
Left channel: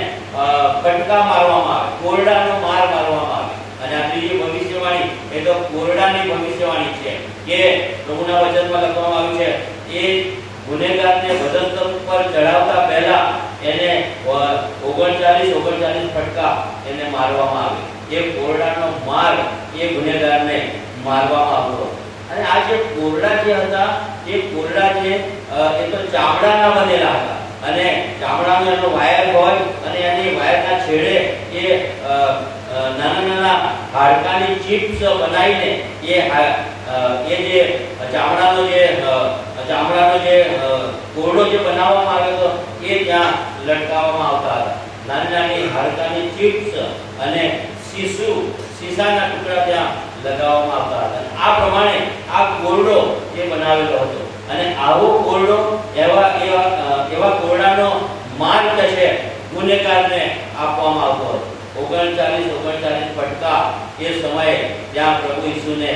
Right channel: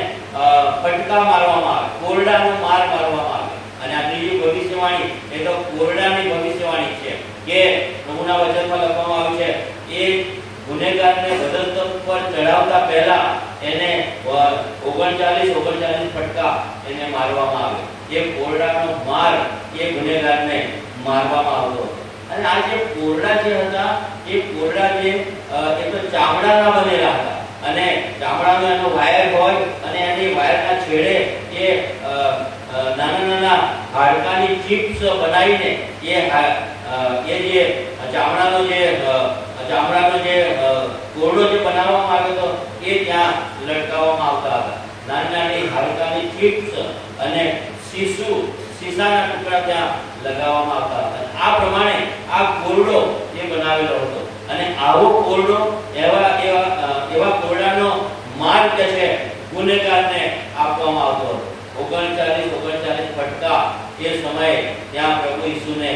ફટકા મારવામાં આવે, કોરડાનો માર મારવામાં આવે. અને આ ત્રીજી ભવિષ્યવાણી એ તો કોરડાની ભવિષ્યવાણી છે કે પ્રભુના વચનમાં લખવામાં આવ્યું છે એ ગુનેગારને વધસ્તંભ પર ચડાવતા પહેલા એને 39 ફટકા એને મારવામાં આવે. એ કોરડાનો માર એ ગુનેગારને મારવામાં આવતો. અને આ જે કોરડા જે હતા એ કોરડા જે એ તો ચામડાના બનેલા હતા. અને ચામડાનો એનો વાયર હોય અને એની વાયરના છેડે એ નાના નાના હાડકાની ચિપ્સ બનાવીને એ જે ચામડાનો જે કોરડો જે બનાવવામાં આવ્યો હતો એ ત્યાં લટકાવવામાં આવતા હતા. નાની નાની હાડકાની ચિપ્સ અને સીસાના ટુકડા ત્યાં લગાવવામાં આવતા હતા. આ પ્રમાણે આ કોરડો જે બનાવેલો હતો. અને આવો કોરડો એવા કોરડાનો માર્ગ છે ગુનેગારને આપવામાં આવતો હતો. 39 ફટકા એ સમયે ત્યાં પ્રભુ ઈસુને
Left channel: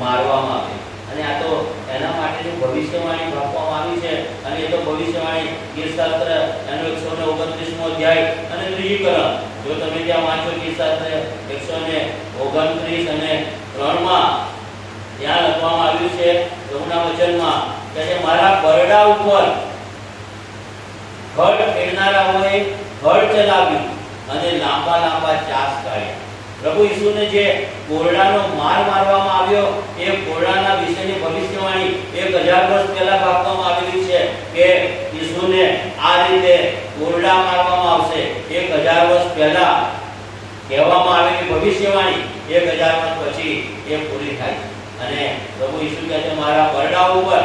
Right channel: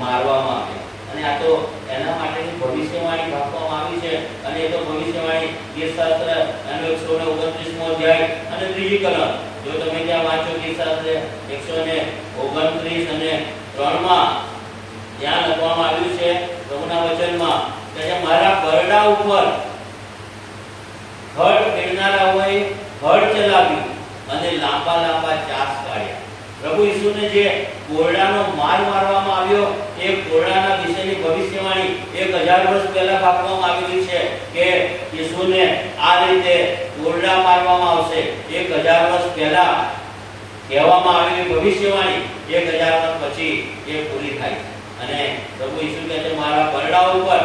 મારવામાં આવે. અને આ તો એના માટેની ભવિષ્યવાણી આપવામાં આવી છે. અને એ તો ભવિષ્યવાણી ગીતશાસ્ત્ર એનો 129મો અધ્યાય અને ત્રીજી કલમ જો તમે ત્યાં વાંચો ગીતશાસ્ત્ર 129 અને 3માં ત્યાં લખવામાં આવ્યું છે પ્રભુના વચનમાં કે મારા બરડા ઉપર હળ ખેડનારાઓએ હળ ચલાવી અને લાંબા લાંબા ચાસ કાઢ્યા. પ્રભુ ઈસુને જે કોરડાનો માર મારવામાં આવ્યો એ કોરડાના વિશેની ભવિષ્યવાણી 1000 વર્ષ પહેલા આપવામાં આવેલી છે કે ઈસુને આ રીતે કોરડા મારવામાં આવશે. 1000 વર્ષ પહેલા કહેવામાં આવેલી ભવિષ્યવાણી 1000 વર્ષ પછી એ પૂરી થાય. અને પ્રભુ ઈસુ કહે છે મારા બરડા ઉપર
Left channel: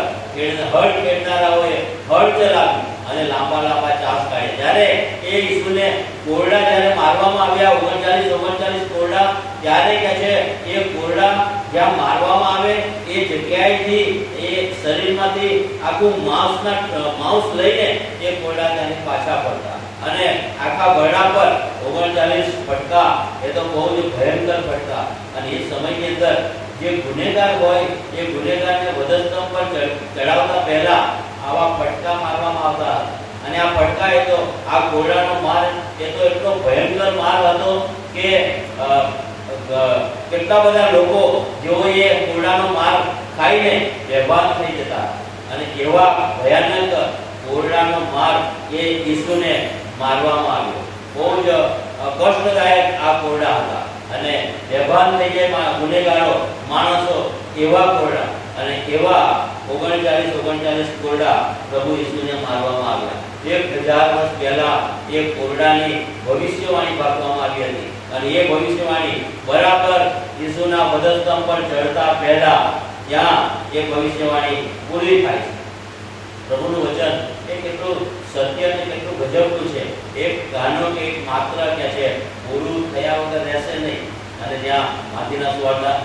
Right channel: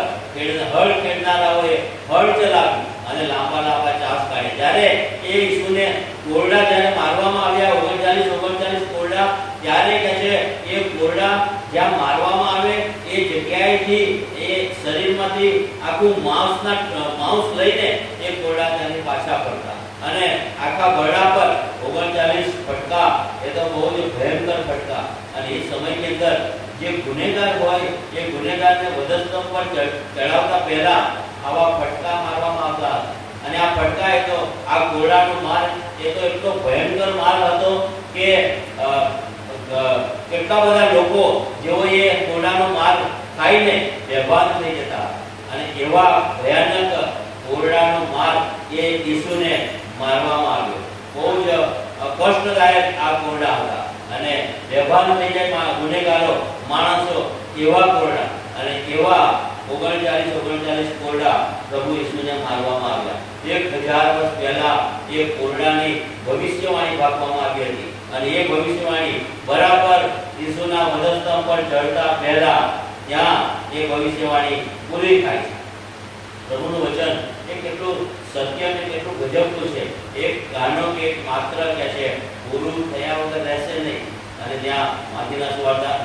હળ ખેડનારાઓએ હળ ચલાવી અને લાંબા લાંબા ચાસ કાઢે. જ્યારે એ ઈસુને કોરડા જ્યારે મારવામાં આવ્યા 39 કોરડા ત્યારે કહે છે એ કોરડા જ્યાં મારવામાં આવે એ જગ્યાએથી એ શરીરમાંથી આખું માંસ લઈને એ કોરડા ત્યાંથી પાછા ફરતા. અને આખા બરડા પર 39 ફટકા એ તો બહુ જ ભયંકર ફટકા. અને એ સમયની અંદર જે ગુનેગાર હોય એ ગુનેગારને વધસ્તંભ પર ચડાવતા પહેલા આવા ફટકા મારવામાં આવતા. અને આ ફટકા એ તો આ કોરડાનો માર એ તો એટલો ભયંકર માર હતો કે કેટલા બધા લોકો જેઓ એ કોરડાનો માર ખાઈને બેભાન થઈ જતા. અને એવા ભયાનક કોરડાનો માર એ ઈસુને મારવામાં આવ્યો. બહુ જ કષ્ટદાયક આ કોરડા હતા. અને બેભાન થઈ જાય ગુનેગારો માણસો એવા કોરડા અને એવા 39 કોરડા પ્રભુ ઈસુને મારવામાં આવ્યા. 1000 વર્ષ પહેલા એ કોરડાની ભવિષ્યવાણી આપવામાં આવી હતી. અને એ ભવિષ્યવાણી બરાબર ઈસુના વધસ્તંભ પર ચડતા પહેલા ત્યાં એ ભવિષ્યવાણી પૂરી થાય છે. પ્રભુનું વચન એ કેટલું સત્ય અને કેટલું ગજબનું છે. એક ગાનો કે એક માત્ર કે છે પૂરું થયા વગર રહેશે નહીં. અને ત્યાં માથીની સુવાર્તા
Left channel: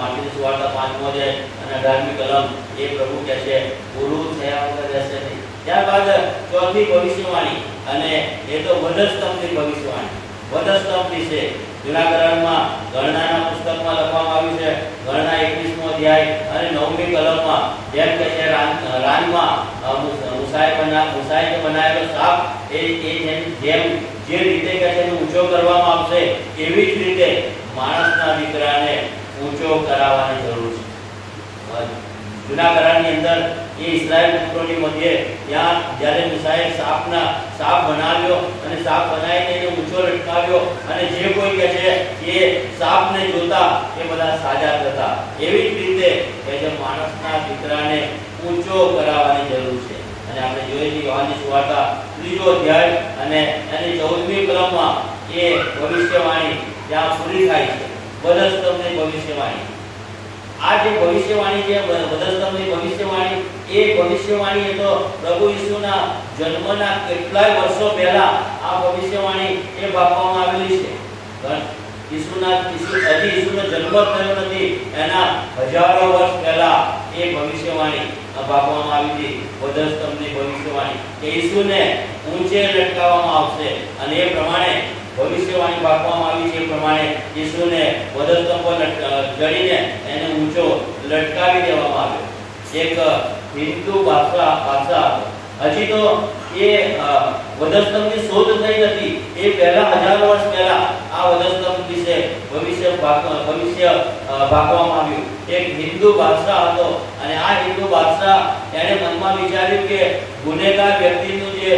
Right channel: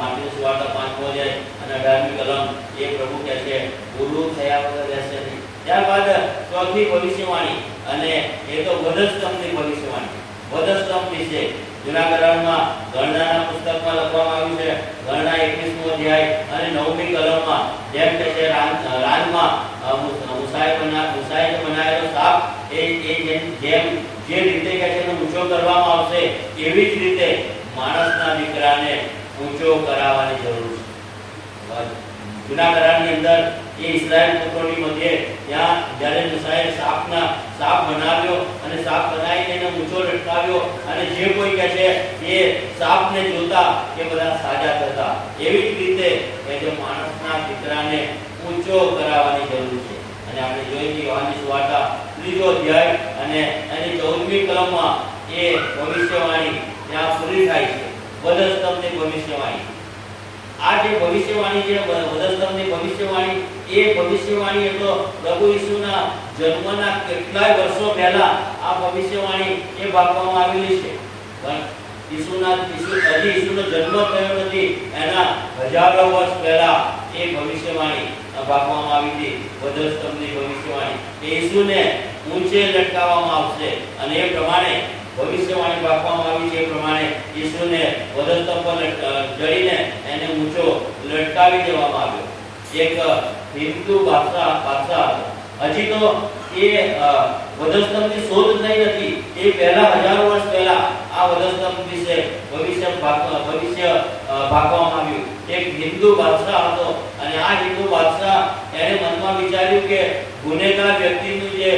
5મો અધ્યાય અને 18મી કલમ એ પ્રભુ કહે છે પૂરું થયા વગર રહેશે નહીં. ત્યારબાદ ચોથી ભવિષ્યવાણી અને એ તો વધસ્તંભની ભવિષ્યવાણી. વધસ્તંભ વિશે જૂના કરારમાં ગણનાના પુસ્તકમાં લખવામાં આવ્યું છે. ગણના 21મો અધ્યાય અને 9મી કલમમાં જેમ કે છે રાનમાં મૂસાએ બનાવેલો સાપ એ જેમ જે રીતે કે છે ઊંચો કરવામાં આવશે એવી જ રીતે માણસના દીકરાને ઊંચો કરાવવાની જરૂર છે. જૂના કરારની અંદર એ ઇસ્રાયેલ પુત્રોની મધ્યે ત્યાં જ્યારે મૂસાએ સાપ બનાવ્યો અને સાપ બનાવીને એને ઊંચો લટકાવ્યો અને જે કોઈ કે છે એ સાપને જોતા એ બધા સાજા થતા, એવી જ રીતે કે જે માણસના દીકરાને ઊંચો કરાવવાની જરૂર છે. અને આપણે જોઈએ છીએ યોહાનની સુવાર્તા 3 અધ્યાય અને એની 14મી કલમમાં એ ભવિષ્યવાણી ત્યાં પૂરી થાય છે. વધસ્તંભની ભવિષ્યવાણી. આ જે ભવિષ્યવાણી છે વધસ્તંભની ભવિષ્યવાણી, એ ભવિષ્યવાણી એ તો પ્રભુ ઈસુના જન્મના કેટલાય વર્ષો પહેલા આ ભવિષ્યવાણી એ આપવામાં આવેલી છે. પણ ઈસુનો જન્મ થયો નથી એના હજારો વર્ષ પહેલા એ ભવિષ્યવાણી આપવામાં આવી હતી. વધસ્તંભની ભવિષ્યવાણી કે ઈસુને ઊંચે લટકાવવામાં આવશે અને એ પ્રમાણે ભવિષ્યવાણી આપવામાં આવી છે. એ પ્રમાણે ઈસુને વધસ્તંભ પર જડીને એને ઊંચો લટકાવી દેવામાં આવ્યો. એક હિન્દુ બાદશાહ હજી તો એ વધસ્તંભની શોધ થઈ નથી. એ પહેલા હજારો વર્ષ પહેલા આ વધસ્તંભ વિશે ભવિષ્ય ભાગવામાં આવ્યું. એક હિન્દુ બાદશાહ હતો અને આ હિન્દુ બાદશાહ એને મનમાં વિચાર્યું કે ગુનેગાર વ્યક્તિનું જે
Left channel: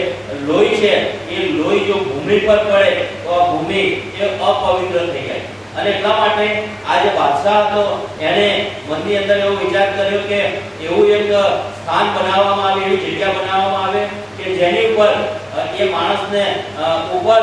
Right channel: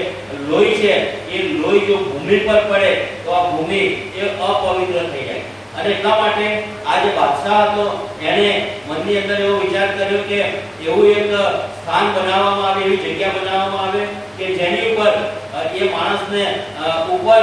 લોહી છે એ લોહી જો ભૂમિ પર પડે તો આ ભૂમિ એ અપવિત્ર થઈ જાય. અને એટલા માટે આ જે બાદશાહ હતો એને મનની અંદર એવો વિચાર કર્યો કે એવું એક સ્થાન બનાવવામાં આવે, એવી જગ્યા બનાવવામાં આવે કે જેની ઉપર એ માણસને ઉપર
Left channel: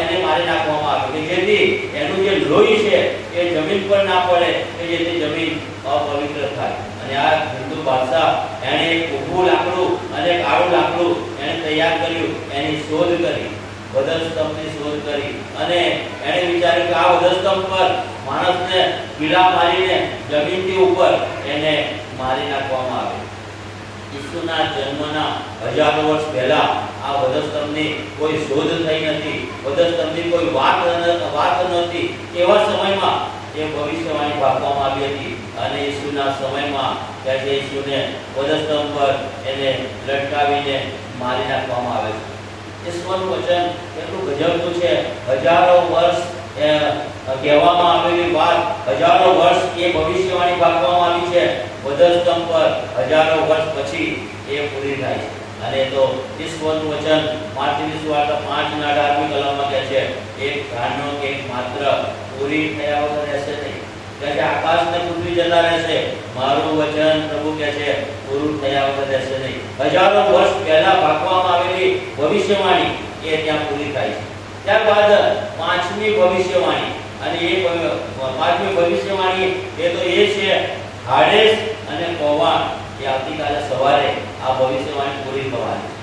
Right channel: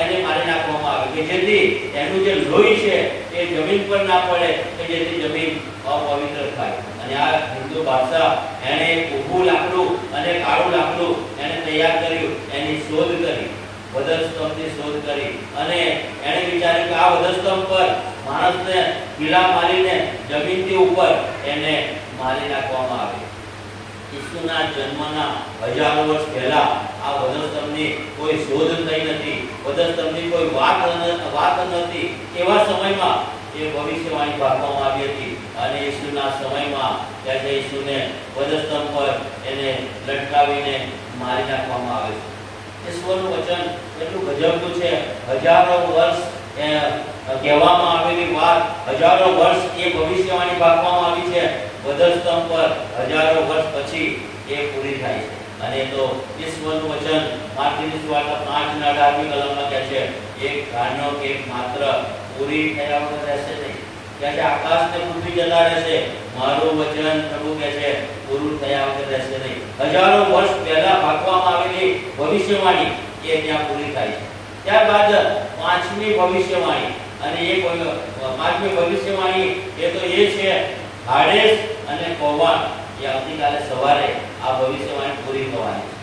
એને મારી નાખવામાં આવે કે જેથી એનું જે લોહી છે એ જમીન પર ના પડે કે જેથી જમીન અપવિત્ર થાય. અને આ હિન્દુ બાદશાહ એને ઊભું લાકડું અને કાળું લાકડું એને તૈયાર કર્યું, એની શોધ કરી, વધસ્તંભની શોધ કરી અને એને વિચાર્યું કે આ વધસ્તંભ પર માણસને કિલ્લા મારીને જમીનથી ઉપર એને મારી નાખવામાં આવે. ઈસુના જન્મના હજારો વર્ષ પહેલા આ વધસ્તંભની કોઈ શોધ થઈ નથી, વધસ્તંભની કોઈ વાત નથી. એવા સમયમાં એ ભવિષ્યવાણી આપવામાં આવી હતી અને ઈસુના સમયમાં ત્યારે ઈસુને વધસ્તંભ પર એને લટકાવીને મારી નાખવામાં આવે છે. ઈશ્વરનું વચન એટલું ગજબનું છે. હજારો વર્ષ કહેવામાં આવેલી વાત, હજારો વર્ષ એ ભવિષ્યવાણી આપવામાં આવી છે. વધસ્તંભ પર હજારો વર્ષ પછી એ પૂરી થાય છે. અને તો ઈશ્વરનું વચન માર્કની સુવાર્તા 5:18મી કલમમાં કહે છે, એક ધારનો કે એક માત્ર પૂરી થયા વગર રહેશે નહીં. જ્યારે આકાશ ને પૃથ્વી જતા રહેશે, મારું વચન પ્રભુ કહે છે પૂરું થયા વગર રહેશે નહીં. હજારો વર્ષ પહેલા ભાગવામાં આવેલી ભવિષ્યવાણી એ ત્યાં પૂરી થાય છે. ત્યારબાદ 5મી ભવિષ્યવાણી, અને એ 5મી ભવિષ્યવાણી એ તો એ છે હાડેસ અને કોવાણ. એ આવતીકાલે સવારે આ ભવિષ્યવાણી પૂરી થવાની છે.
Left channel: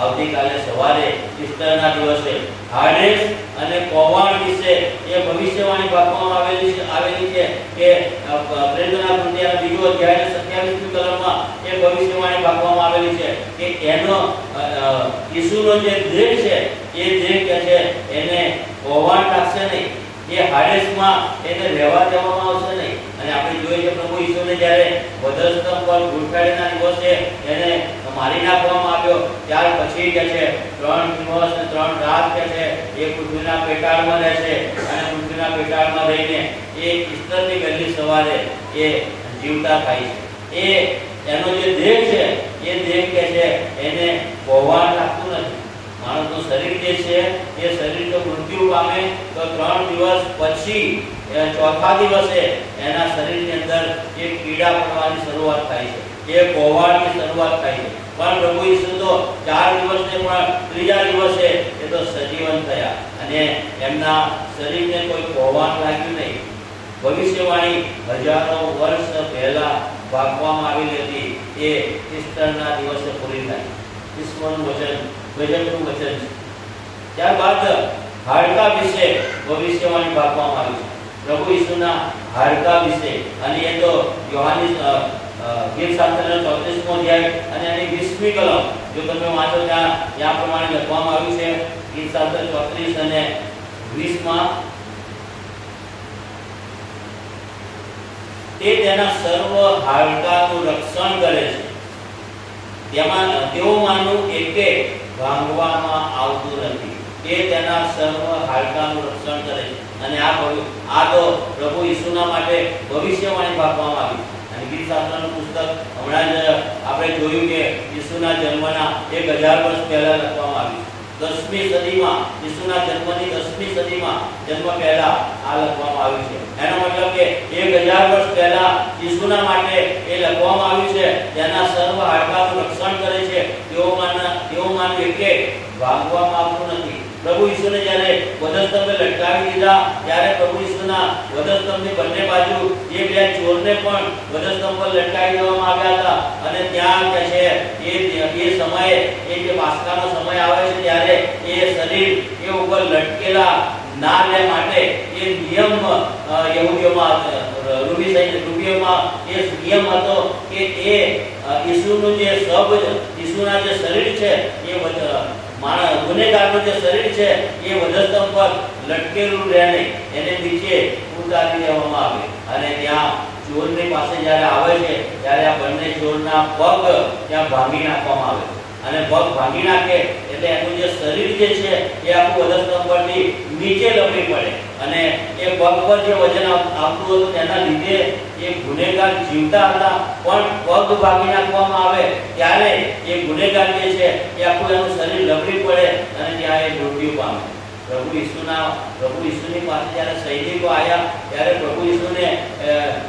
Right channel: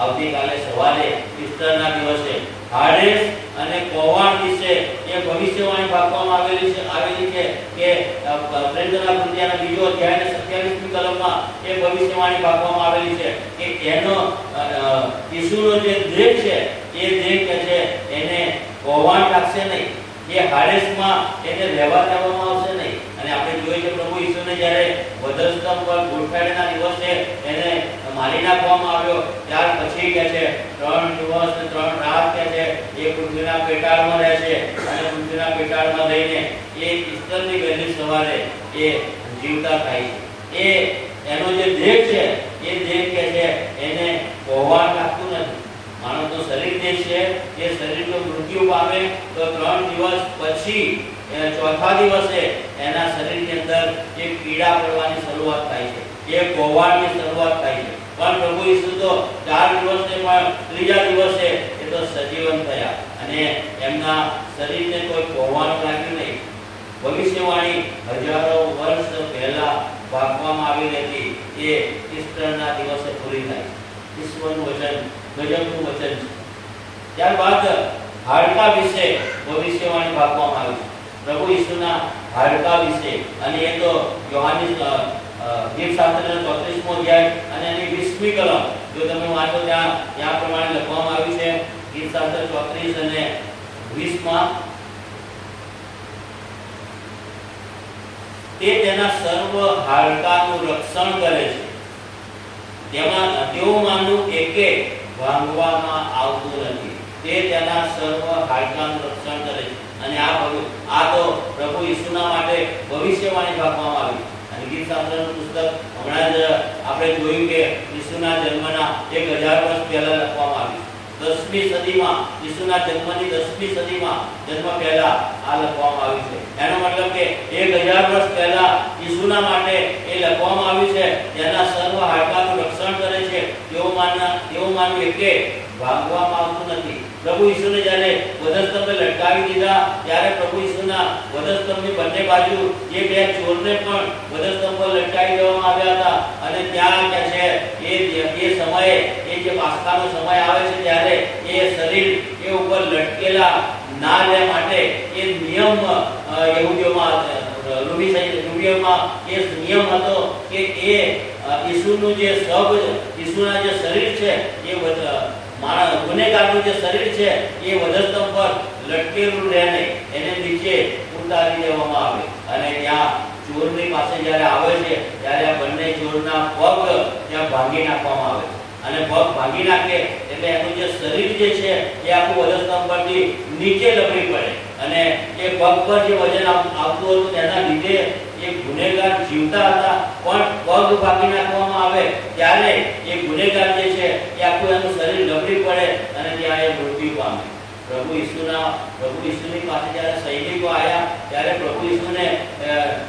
આવતીકાલે સવારે ઈસ્ટરના દિવસે હાડેસ અને કોવાણ વિશે એ ભવિષ્યવાણી આપવામાં આવેલી છે કે પ્રેરણા કૃતિના 2 અધ્યાય 27મી કલમમાં એ ભવિષ્યવાણી આપવામાં આવેલી છે કે એનો ઈસુનો જે દેહ છે એ દેહ કે છે એને કોવાણ લાગશે નહીં, એ હાડેસમાં એને રહેવા દેવામાં આવશે નહીં. અને આપણે જોઈએ કે પ્રભુ ઈસુને જ્યારે વધસ્તંભ પર ગોઠવાડીના દિવસે એને મારી નાખવામાં આવ્યો, ત્યાર પછી કે છે 3 દિવસ અને 3 રાત કે છે એ પૃથ્વીના પેટાળમાં રહેશે અને પૃથ્વીના પેટાળમાં રહીને એ ઈસ્ટરની વહેલી સવારે એ જીવતા થાય છે. એનો જે દેહ છે એ દેહ કે છે એને કોવાણ લાગતું નથી. માણસનું શરીર જે છે એ શરીર જો મૃત્યુ પામે તો 3 દિવસ પછી ચોથા દિવસે એના શરીરની અંદર એક કીડા પડવાની શરૂઆત થાય છે, એ કોવાણની શરૂઆત થાય છે. પણ પ્રભુ ઈસુ તો 4 દિવસને પણ ત્રીજા દિવસે એ તો સજીવન થયા અને એમના શરીરને કોઈ કોવાણ લાગ્યું નહીં. ભવિષ્યવાણી હજારો વર્ષ પહેલા ભાગવામાં આવેલી હતી, એ ઈસ્ટરના દિવસે પૂરી થાય. ઈશ્વરનું વચન ગજબનું વચન છે. ત્યારબાદ હાડકા વિશે ભવિષ્યવાણી ભાગવામાં આવી છે. પ્રભુ ઈસુના હાડકા વિશે, અને એ તો યોહાની ગીતશાસ્ત્રના 34મો અધ્યાય અને એની 20મી કલમ જો તમે વાંચો ત્યાં પ્રમાણે લખવામાં આવ્યું છે. ગીતશાસ્ત્ર 34 અને 20માં તે તેના સર્વ હાડકાનું રક્ષણ કરે છે. તેઓમાંનું એકે ભાંગવામાં આવતું નથી. તે તેના સર્વ હાડકાનું રક્ષણ કરે છે. અને આ તો પ્રભુ ઈસુના માટે ભવિષ્યવાણી આપવામાં આવી. અને ગીત શાસ્ત્રનું પુસ્તક હમણાં જ આપણે જોયું કે ઈસુના જન્મના 1000 વર્ષ પહેલા લખવામાં આવ્યું. 10મી સદીમાં, ઈસુના જન્મની 10મી સદીમાં, જન્મ પહેલા આ લખવામાં આવ્યું છે. એનો મતલબ કે 1000 વર્ષ પહેલા ઈસુના માટે એ લખવામાં આવ્યું છે. તેના સર્વ હાડકાનું રક્ષણ કરે છે. તેઓમાંનું એકે ભાંગવામાં આવતું નથી. પ્રભુ ઈસુને જ્યારે વધસ્તંભે લટકાવી દીધા ત્યારે પ્રભુ ઈસુના વધસ્તંભની બંને બાજુ એ બે ચોરને પણ વધસ્તંભ પર લટકાવી દેવામાં આવ્યા હતા. અને ત્યાં કે છે એ સમયે એ જે પાસ્કાનો સમય આવે છે ત્યારે એ શરીર એ ઉપર લટકેલા ના રહે માટે એ નિયમ યહૂદીઓમાં રૂબીઓમાં એ નિયમ હતો કે એ ઈસુનું જે ઈસુના જે શરીર છે એ ગુનેગારનું જે શરીર છે એ વધસ્તંભ પર લટકેલું રહે નહીં, એને નીચે ઉતારી દેવામાં આવે. અને ત્યાં ચોરની પાસે જ્યારે આવે છે ત્યારે આ બંને ચોરના પગ ત્યાં ભાંગી નાખવામાં આવે છે. અને પગ ભાંગી નાખે એટલે એનું જે શરીર જે છે એ આખું વધસ્તંભ પરથી નીચે લપડી પડે. અને એ પગ પર જે વજન આવતું હતું તેના લીધે એ ગુનેગાર જીવતા હતા, પણ પગ ભાંગી નાખવામાં આવે ત્યારે એ ગુનેગાર જે છે એ આખું એનું શરીર લપડી પડે અને ત્યાં એ મૃત્યુ પામે. પ્રભુ ઈસુની પાસે જ્યારે સૈનિકો આવ્યા ત્યારે પ્રભુ ઈસુને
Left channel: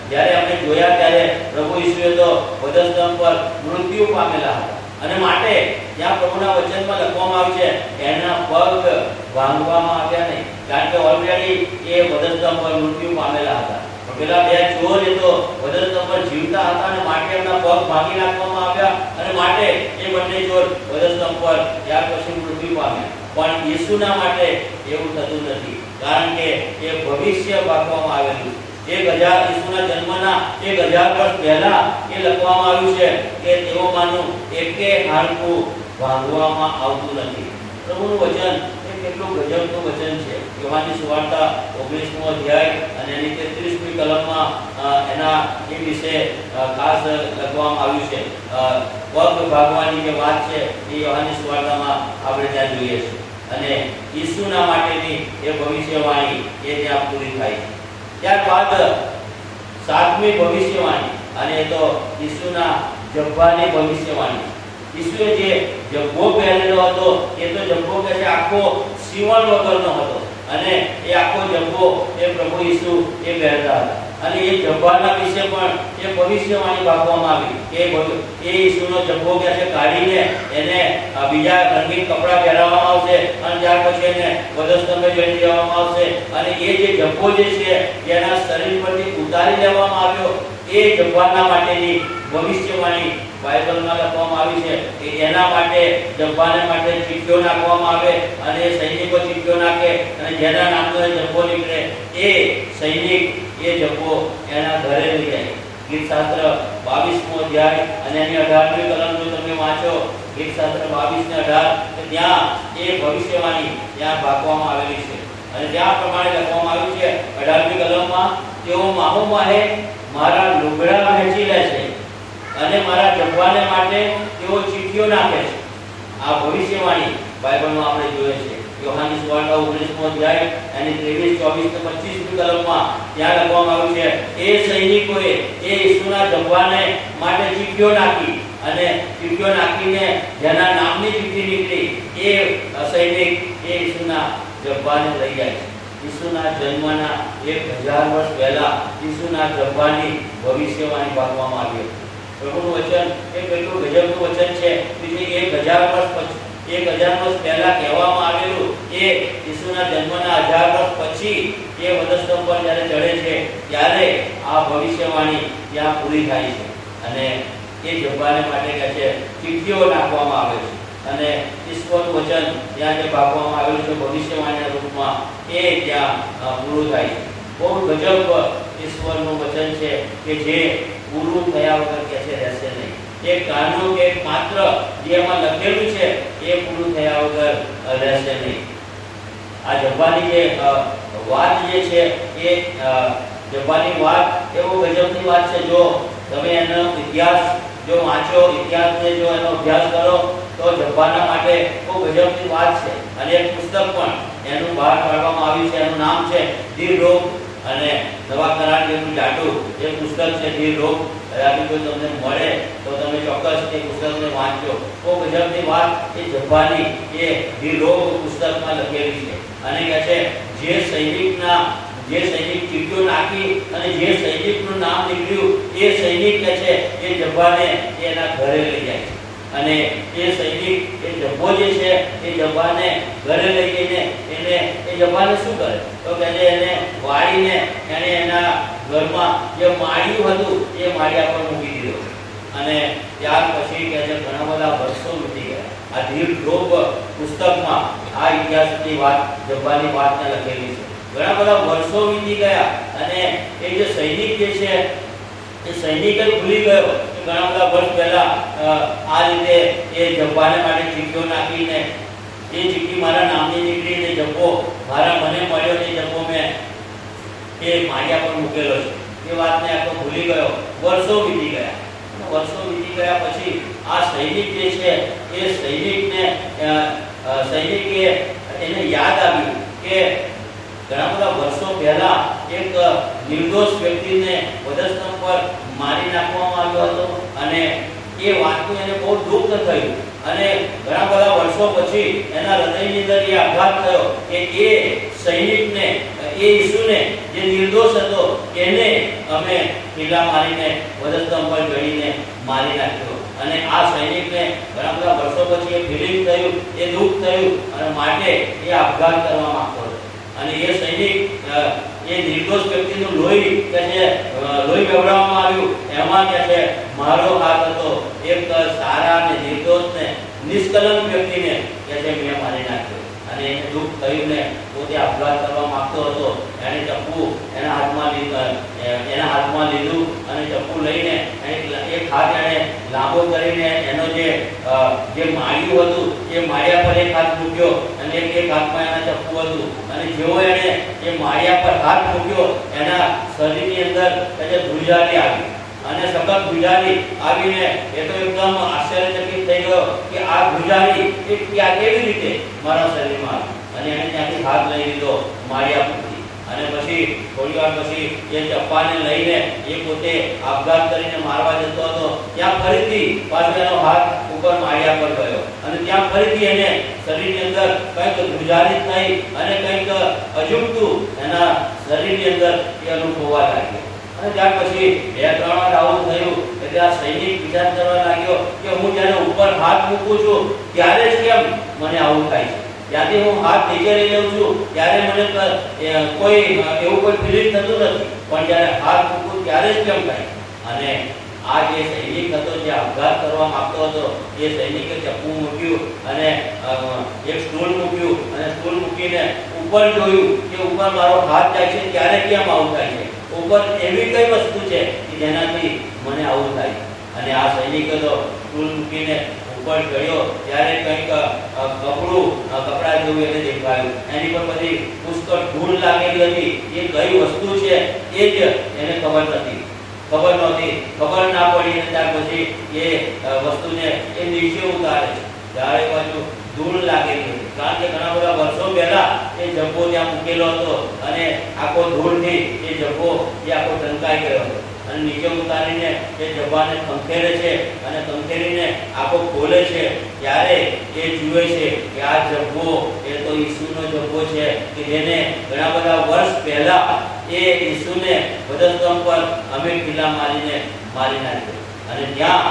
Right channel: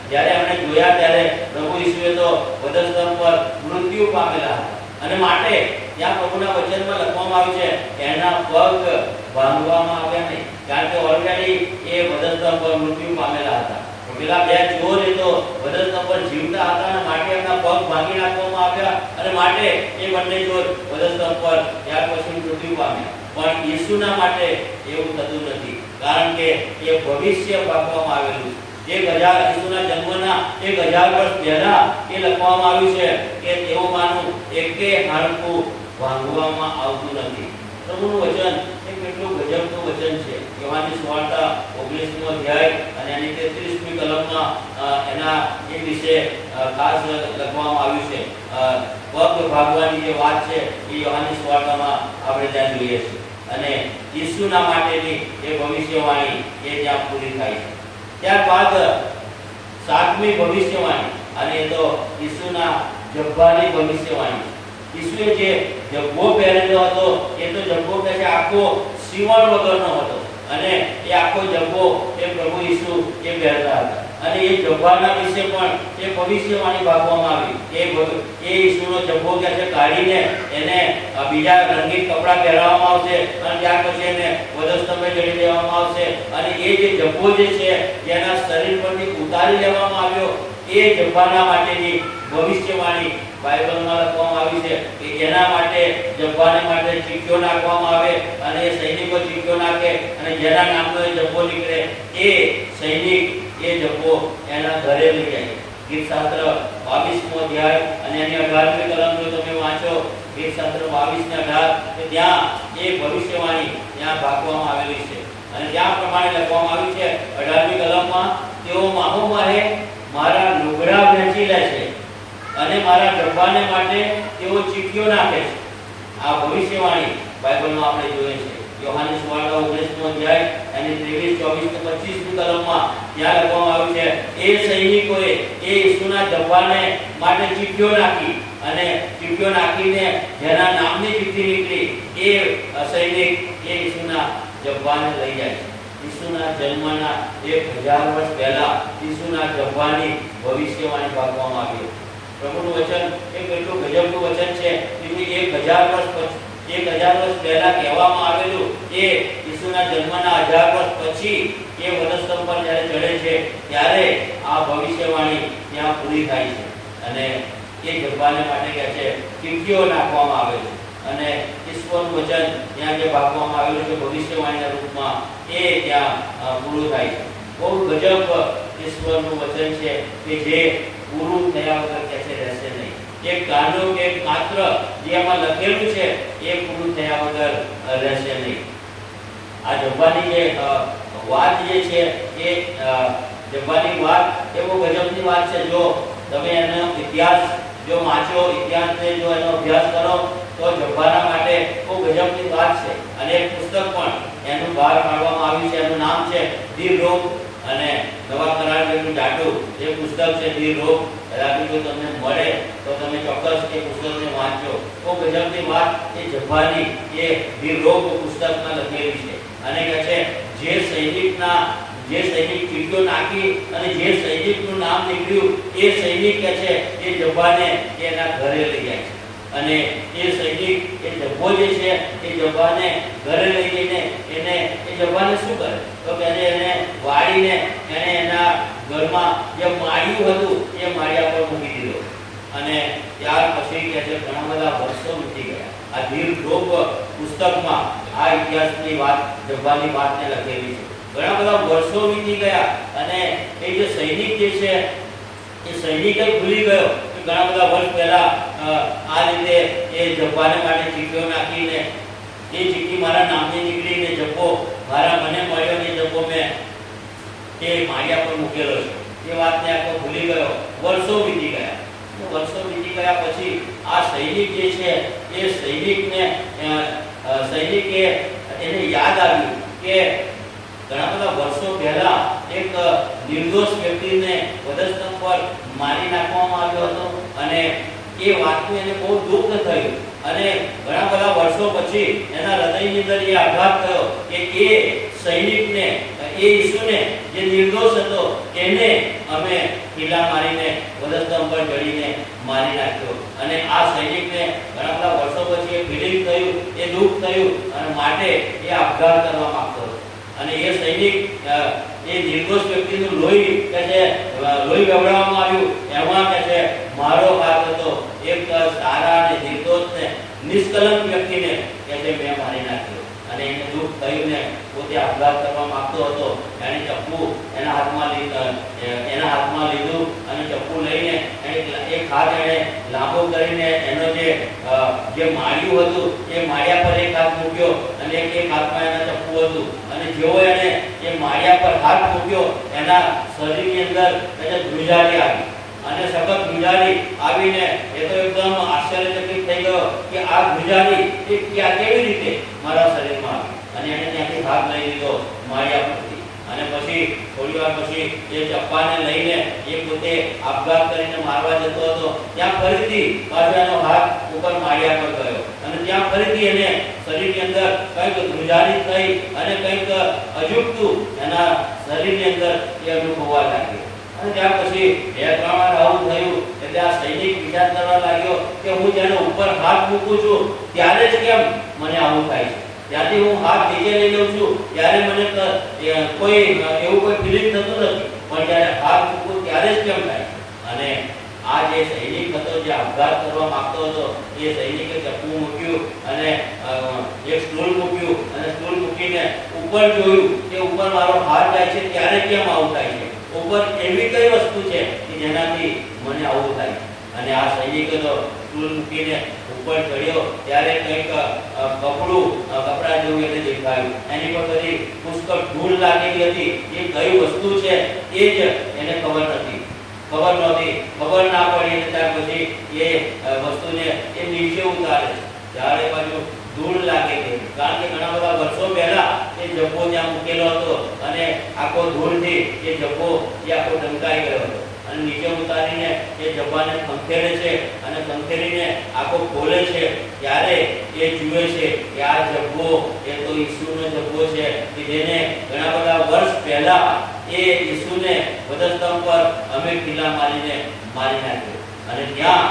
જ્યારે એમણે જોયા ત્યારે પ્રભુ ઈસુએ તો વધસ્તંભ પર મૃત્યુ પામેલા હતા. અને માટે ત્યાં પ્રભુના વચનમાં લખવામાં આવ્યું છે કે એના પગ ભાંગવામાં આવ્યા નહીં, કારણ કે ઓલરેડી એ વધસ્તંભ પર મૃત્યુ પામેલા હતા. પેલા બે ચોર એ તો વધસ્તંભ પર જીવતા હતા અને માટે એમના પગ ભાંગી નાખવામાં આવ્યા અને માટે એ બંને ચોર વધસ્તંભ પર ત્યાર પછી મૃત્યુ પામ્યા. પણ ઈસુના માટે એવું થતું નથી, કારણ કે એ ભવિષ્ય પાકવામાં આવેલું. ઈસુના જન્મના 1000 વર્ષ પહેલા એ લખવામાં આવ્યું છે કે તેઓમાંનું એકે હાડકું ભાંગવામાં આવતું નથી. પ્રભુનું વચન એ કેટલું ગજબનું વચન છે. યોહાનની સુવાર્તા 19મો અધ્યાય અને એની 33મી કલમમાં એના એ વિશે ખાસ લખવામાં આવ્યું છે. પગ ભાગવાની જે વાત છે એ યોહાનની સુવાર્તામાં આપણે ત્યાં જોઈએ છે. અને ઈસુના માટેની એ ભવિષ્યવાણી એ ત્યાં પૂરી થાય છે. ત્યારબાદ 7મી ભવિષ્યવાણી, અને એ તો ઈસુના જબ્બાની ભવિષ્યવાણી. ઈસુએ જે જબ્બો પહેરેલો હતો એ તો જબ્બો કે છે આખો સીવણ વગરનો હતો, અને એ આખો જબ્બો એ પ્રભુ ઈસુ એ પહેરતા હતા. અને એ જબ્બાના વિશે પણ એ ભવિષ્યવાણી આપવામાં આવી કે એ ઈસુનો જબ્બો કે છે કાઢીને એને બીજા રંગીન કપડાં પહેરાવવામાં આવશે અને ત્યાર પછી એને વધસ્તંભે જડી દેવામાં આવશે. અને એ જે જબ્બો જે છે જેના શરીર પરથી ઉતારી લેવામાં આવ્યો એ જબ્બાના માટેની ભવિષ્યવાણી બાઇબલમાં લખવામાં આવી છે કે એના માટે જબ્બાને માટે ચીઠીઓ નાખવામાં આવે અને એ સૈનિકો ચીઠીઓ નાખે અને જેના નામનો એ જબ્બો નીકળે એ સૈનિક એ જબ્બો એના ઘરે લઈ જાય. ગીત શાસ્ત્ર 22મો અધ્યાય અને એની 18મી કલમ જો તમે વાંચો, ગીત શાસ્ત્ર 22 ને 18, કે ત્યાં એ ભવિષ્યવાણી ત્યાં ભાગવામાં આવેલી છે. અને ત્યાં પ્રમાણે લખવામાં આવ્યું છે 18મી કલમમાં, તેઓ માહોમાહે મારા લુગડા વહેંચી લે છે અને મારા જબ્બાને માટે તેઓ ચીઠીઓ નાખે છે. આ ભવિષ્યવાણી બાઇબલમાં આપણે જોઈએ છે. યોહાનની સુવાર્તા 19મો અધ્યાય અને 23, 24 અને 25મી કલમમાં ત્યાં લખવામાં આવ્યું છે એ સૈનિકોએ એ ઈસુના જબ્બાને માટે ચીઠીઓ નાખી અને ચીઠીઓ નાખીને જેના નામની ચીઠી નીકળી એ સૈનિક એ ઈસુના જબ્બાને લઈ જાય છે. ઈસુના જન્મના 1000 વર્ષ પહેલા ઈસુના જબ્બાની ભવિષ્યવાણી આપવામાં આવી હતી. પ્રભુનું વચન એ કેટલું ગજબનું વચન છે કે 1000 વર્ષ પહેલા કહેવામાં આવેલું એ ઈસુના જન્મના 1000 વર્ષ પછી એ વધસ્તંભ પર જ્યારે ચડે છે ત્યારે આ ભવિષ્યવાણી ત્યાં પૂરી થાય છે. અને એ જબ્બાને માટે કહે છે ચીઠીઓ નાખવામાં આવે છે અને ઈશ્વરનું વચન ત્યાં જે ભાગવામાં આવેલું છે ભવિષ્યવાણીના રૂપમાં એ ત્યાં પૂરું થાય છે. બહુ ગજબ ઈશ્વરનું વચન છે કે જે પૂરું થયા વગર કે છે રહેશે નહીં. એક કાનો કે માત્ર જે એમાં લખેલું છે એ પૂરું થયા વગર રહેશે નહીં. આ જબ્બાની જે વાત જે છે એ જબ્બાની વાત એવો ગજબની વાત છે. જો તમે એનો ઇતિહાસ જો વાંચો ઇતિહાસને, જો એનો અભ્યાસ કરો તો જબ્બાના માટે ખૂબ ગજબની વાત છે. અને એક પુસ્તક પણ એનું બહાર પાડવામાં આવ્યું છે, એનું નામ છે ધી રોગ, અને નવા કરાર જેટલું જાડું એ પુસ્તક છે ધી રોગ. કદાચ કોઈ તમને મળે તો તમે ચોક્કસ એ પુસ્તકને વાંચજો. ખૂબ ગજબની વાત એ જબ્બાની એ ધી રોગ પુસ્તકમાં લખેલી છે. અને કહે છે જે સૈનિક ચીટીઓ નાખી અને જે સૈનિકનું નામ નીકળ્યું એ સૈનિક કે છે એ જબ્બાને એના ઘરે લઈ જાય છે. અને એ સૈનિક એ જબ્બો જે છે એ જબ્બાને ઘરે લઈ જઈને એ જબ્બાને શું કરે તો કે એને વાળીને એને એના ઘરમાં જે માળિયું હતું એ માળિયા પર મૂકી દીધો. અને ત્યાર પછી કે છે ઘણા બધા વર્ષો વીતી ગયા. આ ધી રોગ પુસ્તકમાં આ ઇતિહાસની વાત, જબ્બાની વાતને લખેલી છે. ઘણા બધા વર્ષો વીતી ગયા અને એ જે સૈનિક જે છે એ સૈનિક જ ભૂલી ગયો કે ઘણા બધા વર્ષ પહેલા આ રીતે એ જબ્બાને માટે ચીઠીઓ નાખીને એ ચીઠી મારા નામની નીકળીને જબ્બો મને મળ્યો ને જબ્બો મેં એ માળિયા પર મૂકેલો છે. એ વાતને આખો ભૂલી ગયો. વર્ષો વીતી ગયા. વર્ષો વીતી ગયા પછી આ સૈનિક જે છે એ સૈનિકે એને યાદ આવ્યું કે ઘણા બધા વર્ષો પહેલા એક નિર્દોષ વ્યક્તિને વધસ્તંભ પર મારી નાખવામાં આવ્યો હતો. અને એ વાતનું એને બહુ દુઃખ થયું. અને ઘણા બધા વર્ષો પછી એના હૃદયની અંદર એ આઘાત થયો કે એ સૈનિકને, એ ઈસુને જે નિર્દોષ હતો એને અમે ખીલા મારીને વધસ્તંભ પર જડીને મારી નાખ્યો. અને આ સૈનિકને ઘણા બધા વર્ષો પછી એ ફિલિંગ થયું, એ દુઃખ થયું અને માટે એ આપઘાત કરવા માંગતો હતો. અને એ સૈનિક એ નિર્દોષ વ્યક્તિનું લોહી કે છે લોહી વહેવડાવવામાં આવ્યું. એમાં કે છે મારો હાથ હતો એક સારા અને નિર્દોષ ને નિષ્કલંક વ્યક્તિને કે છે મેં મારી નાખ્યો. અને એને દુઃખ થયું ને પોતે આપઘાત કરવા માંગતો હતો. એને ચપ્પુ એના હાથમાં લીધું અને ચપ્પુ લઈને એક હાથ એને લાંબો કરીને એનો જે માળિયું હતું એ માળિયા પર એક હાથ મૂક્યો અને એક હાથમાં એના ચપ્પુ હતું. અને જેવો એને એ માળિયા પર હાથ મૂક્યો એના શરીરની અંદર ધ્રુજારી આવી. અને સખત ધ્રુજારી આવીને એ તો એકદમ આશ્ચર્યચકિત થઈ ગયો કે આ ધ્રુજારી એ કેવી રીતે મારા શરીરમાં આવી. અને એને ત્યાંથી હાથ લઈ લીધો માળિયા પરથી. અને પછી થોડી વાર પછી એ ચપ્પાને લઈને એ પોતે આપઘાત કરીને મારવા જતો હતો. ત્યાં ફરીથી પાછો એનો હાથ ઉપર માળિયા પર ગયો અને ત્યાં ફરીથી એને શરીરની અંદર કંઈક ધ્રુજારી થઈ અને કંઈક અજુગતું એના શરીરની અંદર એ અનુભવવા લાગ્યો. અને ત્યાર પછી 2-3 વાર આવું થયું એટલે આ સૈનિક વિચાર કરવા લાગ્યો કે હું જ્યારે ઉપર હાથ મૂકું છું ત્યારે જ કેમ મને આવું થાય છે. ત્યાંથી હું હાથ નીચે લઈ લઉં છું ત્યારે મને કોઈ એવું કોઈ ફિલિંગ થતું નથી, પણ જ્યારે હાથ મૂકું ત્યારે જ કેમ થાય. અને આ જે સૈનિક હતો જે આપઘાત કરવા માંગતો હતો એ સૈનિકે ચપ્પુ મૂક્યું અને એક સ્ટૂલ મૂક્યું અને સ્ટૂલ મૂકીને ઉપર જોયું કે ઉપર મારો હાથ જાય છે ત્યારે કેમ આવું થાય છે. ઉપર એવી કઈ વસ્તુ છે કે જેનાથી મને આવું થાય. અને આ સૈનિકે તો સ્ટૂલ મૂકીને ઉપર ચડ્યો ત્યારે કંઈક કપડા જેવું એને દેખાયું. એની પર બધી પુષ્કળ ધૂળ લાગેલી હતી. એ કઈ વસ્તુ છે એ જ એને ખબર નહોતી. ખબર ના પડી. અને ત્યાર પછી એ વસ્તુને એ નીચે ઉતારે છે. ત્યારે બાજુ ધૂળ લાગેલી હતી. કારણ કે ઘણા બધા વર્ષો પહેલા એ જબ્બો ત્યાં મૂકેલો હતો અને આખો ધૂળથી એ જબ્બો એ આખો ઢંકાઈ ગયો હતો. અને નીચે ઉતારીને એ જબ્બાને ખંખેરે છે અને ખંખેરીને આખો ખોલે છે. ત્યારે એ જુએ છે કે આ જબ્બો એ તો ઈસુનો જબ્બો છે કે જેને ઘણા બધા વર્ષ પહેલા એ ઈસુને વધસ્તંભ પર અમે ખીલા મારીને મારી નાખ્યો. અને ત્યાં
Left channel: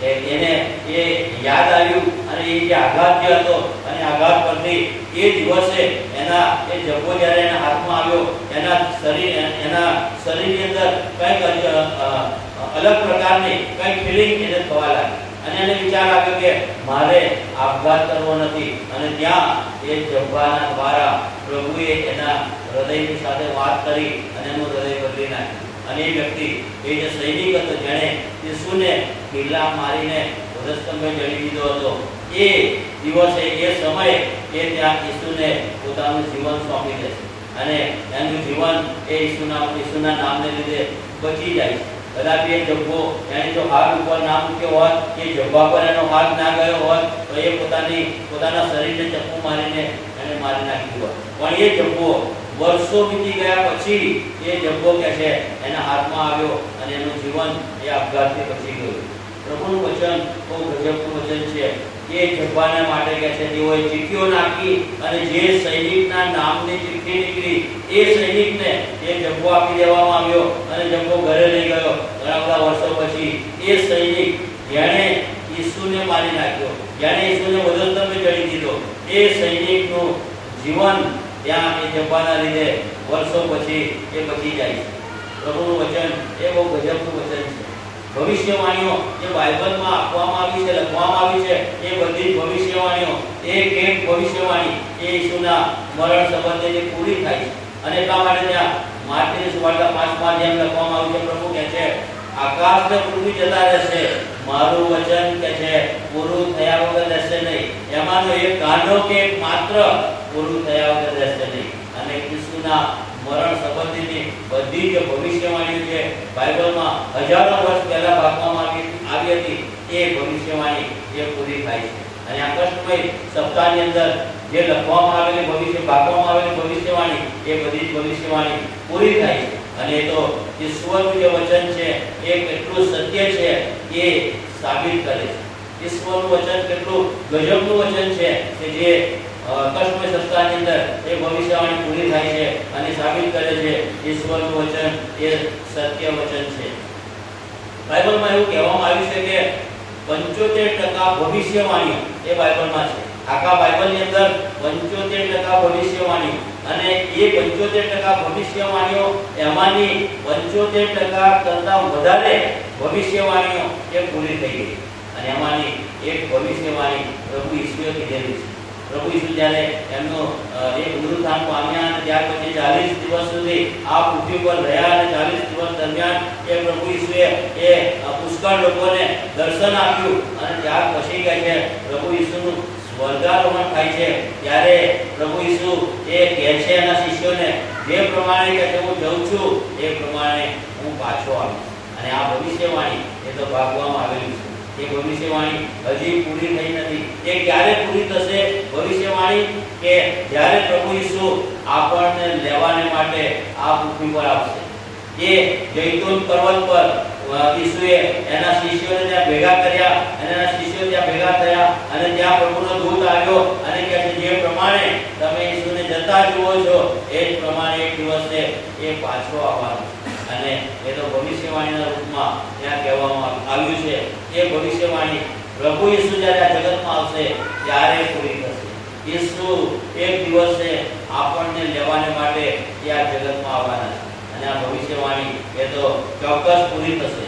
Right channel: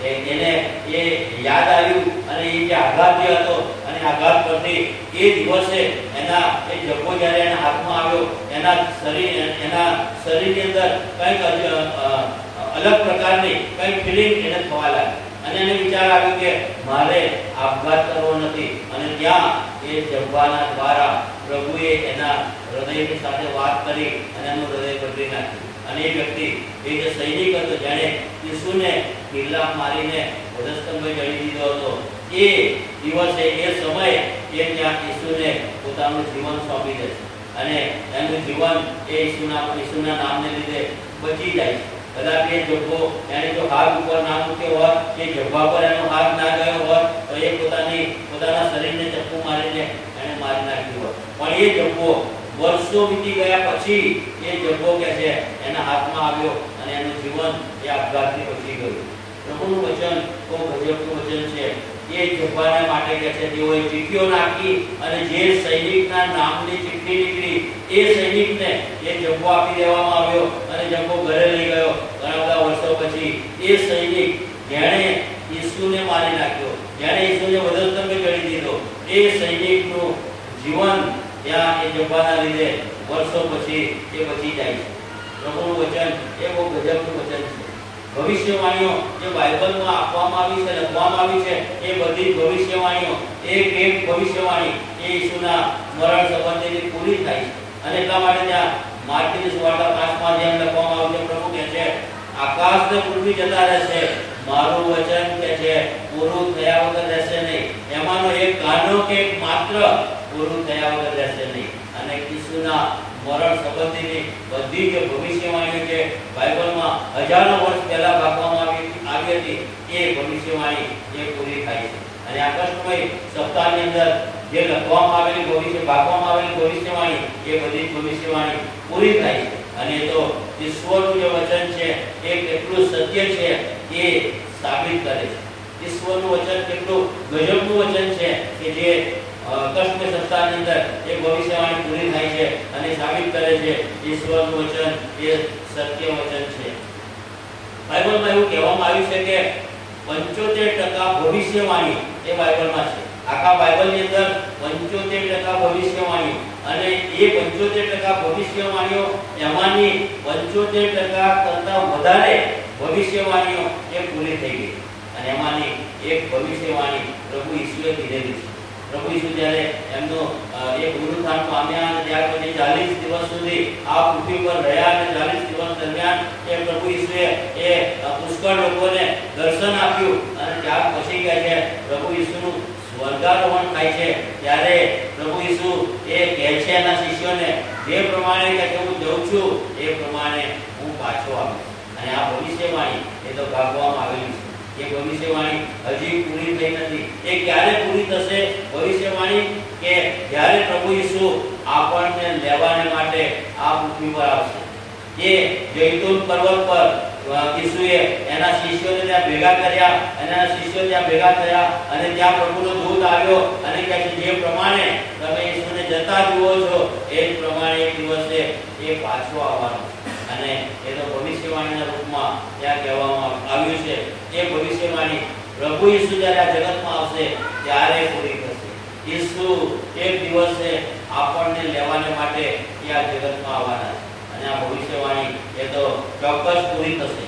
એને એ યાદ આવ્યું અને એ જે આઘાત જે હતો અને આઘાત પરથી એ દિવસે એના એ જબ્બો જ્યારે એના હાથમાં આવ્યો એના શરીરની અંદર કંઈક અલગ પ્રકારની કંઈક ફિલિંગ એને થવા લાગી. અને એને વિચાર આવ્યો કે મારે આપઘાત કરવો નથી. અને ત્યાં એ જબ્બાના દ્વારા પ્રભુએ એના હૃદયની સાથે વાત કરી અને એનું હૃદય બદલી નાખ્યું. અને એ વ્યક્તિ એ જે સૈનિક હતો જેણે ઈસુને ખીલા મારીને વધસ્તંભે જડી દીધો હતો એ દિવસે એ સમયે એ ત્યાં ઈસુને પોતાનું જીવન સોંપી દે છે. અને એનું જીવન એ ઈસુના નામને લીધે બચી જાય છે. કદાચ એ જબ્બો એને જો હાથ ઉપર ના મૂક્યો હોત, એ જબ્બા પર એનો હાથ ના ગયો હોત, તો એ પોતાના શરીરને ચપ્પુ મારીને એને મારી નાખ્યું હોત. પણ એ જબ્બો વર્ષો વીતી ગયા પછી એ જબ્બો કે છે એના હાથમાં આવ્યો અને એનું જીવન એ આપઘાતથી બચી ગયું. પ્રભુનું વચન બહુ ગજબનું વચન છે. એ જબ્બાના માટે કે છે તેઓએ ચીઠીઓ નાખી અને જે સૈનિકના નામની ચિઠ્ઠી નીકળી એ સૈનિકને એ જબ્બો આપી દેવામાં આવ્યો અને જબ્બો ઘરે લઈ ગયો. ઘણા બધા વર્ષો પછી એ સૈનિક જેણે ઈસુને મારી નાખ્યો, જેણે ઈસુને વધસ્તંભે ચડી દીધો, એ સૈનિકનું જીવન ત્યાં એ જબ્બાના લીધે વર્ષો પછી એ બચી જાય છે. પ્રભુનું વચન એ બહુ ગજબનું વચન છે. ભવિષ્યવાણીઓ જે બાઇબલમાં આપવામાં આવી છે, લખવામાં આવી છે, એ બધી ભવિષ્યવાણીઓ એક ભવિષ્યવાણી એ ઈસુના મરણ સંબંધેની પૂરી થાય છે. અને એટલા માટે ત્યાં માર્કની સુવાર્તા 5માં જેમ લખવામાં આવ્યું છે, પ્રભુ કહે છે આકાશ ને પૃથ્વી જતા રહેશે, મારું વચન કે છે પૂરું થયા વગર રહેશે નહીં. એમાંનો એક કાનો કે એક માત્ર પૂરું થયા વગર રહેશે નહીં. અને ઈસુના મરણ સંબંધીની બધી જ ભવિષ્યવાણીઓ જે બાઇબલમાં હજારો વર્ષ પહેલા આપવામાં આવી હતી એ ભવિષ્યવાણી એ પૂરી થાય છે. અને આ કષ્ટમય સપ્તાહની અંદર જે લખવામાં આવેલી આપવામાં આવેલી ભવિષ્યવાણી એ બધી જ ભવિષ્યવાણી પૂરી થાય છે. અને એ તો ઈશ્વરનું જે વચન છે એ કેટલું સત્ય છે એ સાબિત કરે છે. ઈશ્વરનું વચન કેટલું ગજબનું વચન છે કે જે કષ્ટમય સપ્તાહની અંદર એ ભવિષ્યવાણી પૂરી થાય છે અને સાબિત કરે છે ઈશ્વરનું વચન એ સત્ય વચન છે. બાઇબલમાં એવું કહેવામાં આવ્યું છે કે 75% ભવિષ્યવાણી એ બાઇબલમાં છે. આખા બાઇબલની અંદર 75% ભવિષ્યવાણીઓ, અને એ 75% ભવિષ્યવાણીઓ એમાંની 75% કરતા વધારે ભવિષ્યવાણીઓ એ પૂરી થઈ ગઈ. અને એમાંની એક ભવિષ્યવાણી પ્રભુ ઈસુએ કીધેલી છે. પ્રભુ ઈસુ જ્યારે એમનો એ પુનરુત્થાન પામ્યા અને ત્યાર પછી 40 દિવસ સુધી આ પૃથ્વી પર રહ્યા અને 40 દિવસ દરમિયાન એ પ્રભુ ઈસુએ એ પુષ્કળ લોકોને દર્શન આપ્યું. અને ત્યાર પછી કહે છે પ્રભુ ઈસુનું સ્વર્ગારોહણ થાય છે ત્યારે પ્રભુ ઈસુ એ કહે છે એના શિષ્યોને જે પ્રમાણે કે હું જઉં છું એ પ્રમાણે હું પાછો આવીશ. અને આ ભવિષ્યવાણી એ તો ભાગવામાં આવેલી છે. એ ભવિષ્યવાણી હજી પૂરી થઈ નથી. એ ક્યારે પૂરી થશે ભવિષ્યવાણી? કે જ્યારે પ્રભુ ઈસુ આપણને લેવાને માટે આ પૃથ્વી પર આવશે. એ જૈતુન પર્વત પર ઈસુએ એના શિષ્યોને ત્યાં ભેગા કર્યા અને એના શિષ્યો ત્યાં ભેગા થયા અને ત્યાં પ્રભુનો દૂત આવ્યો અને કહે છે જે પ્રમાણે તમે ઈસુને જતા જુઓ છો એ જ પ્રમાણે એક દિવસે એ પાછો આવવાનો. અને એ તો ભવિષ્યવાણીના રૂપમાં ત્યાં કહેવામાં આવ્યું છે. એ ભવિષ્યવાણી પ્રભુ ઈસુ જ્યારે આ જગતમાં આવશે ત્યારે પૂરી થશે. ઈસુ એક દિવસે આપણને લેવાને માટે એ આ જગતમાં આવવાના છે. અને આ ભવિષ્યવાણી એ તો ચોક્કસ પૂરી થશે.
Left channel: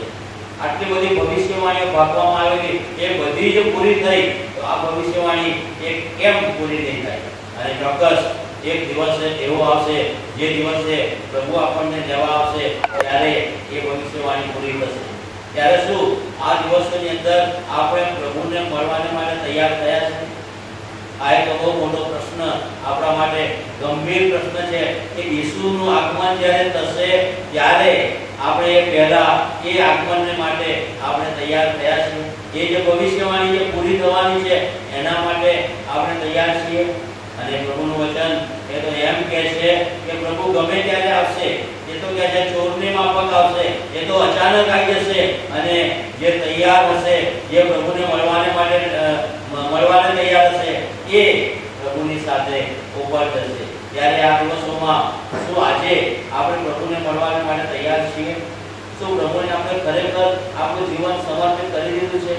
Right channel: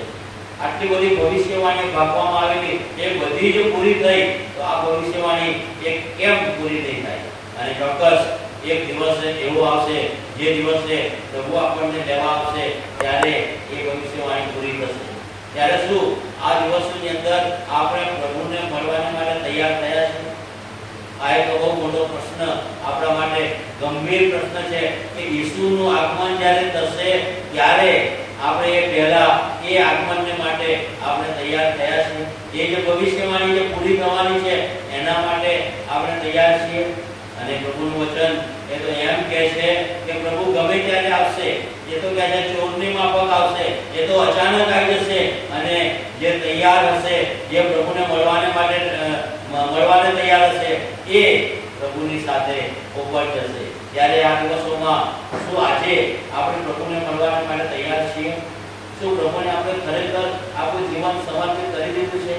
આટલી બધી ભવિષ્યવાણીઓ ભાગવામાં આવેલી એ બધી જ પૂરી થઈ તો આ ભવિષ્યવાણી એ કેમ પૂરી નહીં થાય? અને ચોક્કસ એક દિવસ એવો આવશે જે દિવસે પ્રભુ આપણને લેવા આવશે ત્યારે એ ભવિષ્યવાણી પૂરી થશે. ત્યારે શું આ દિવસોની અંદર આપણે પ્રભુને મળવાને માટે તૈયાર થયા છે? આ એક બહુ મોટો પ્રશ્ન આપણા માટે ગંભીર પ્રશ્ન છે કે ઈસુનું આગમન જ્યારે થશે ત્યારે આપણે એ પહેલા એ આગમનને માટે આપણે તૈયાર થયા છીએ? એ જે ભવિષ્યવાણી જે પૂરી થવાની છે એના માટે આપણે તૈયાર છીએ? અને પ્રભુનું વચન એ તો એમ કહે છે કે પ્રભુ ગમે ત્યારે આવશે. એ તો કહે છે ચોરની માફક આવશે. એ તો અચાનક આવી જશે. અને જે તૈયાર હશે, જે પ્રભુને મળવાને તૈયાર હશે એ પ્રભુની સાથે ઉપર જશે. ત્યારે આ દિવસોમાં શું આજે આપણે પ્રભુને મળવાને માટે તૈયાર છીએ? શું પ્રભુને આપણે ખરેખર આપણું જીવન સમર્પિત કરી દીધું છે?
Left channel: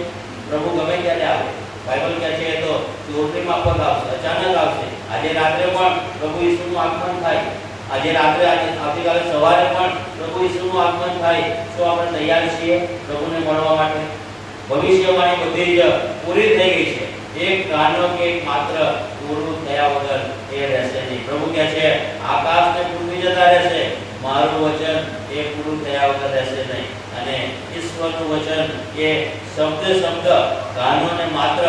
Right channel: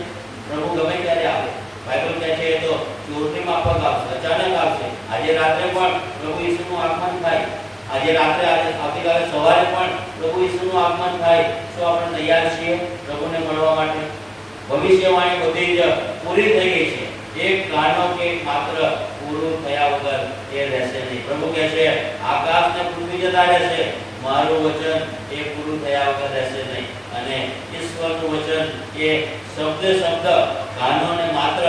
પ્રભુ ગમે ત્યારે આવે. બાઇબલ કહે છે એ તો ચોરની માફક આવશે, અચાનક આવશે. આજે રાત્રે પણ પ્રભુ ઈસુનું આગમન થાય. આજે રાત્રે આવતીકાલે સવારે પણ પ્રભુ ઈસુનું આગમન થાય. શું આપણે તૈયાર છીએ પ્રભુને મળવા માટે? ભવિષ્યવાણી બધી જ પૂરી થઈ ગઈ છે. એક કાનો કે માત્ર પૂરું થયા વગર એ રહેશે નહીં. પ્રભુ કહે છે આકાશ ને પૃથ્વી જતા રહેશે, મારું વચન એ પૂરું થયા વગર રહેશે નહીં. અને ઈશ્વરનું વચન એ શબ્દ કાનો ને માત્ર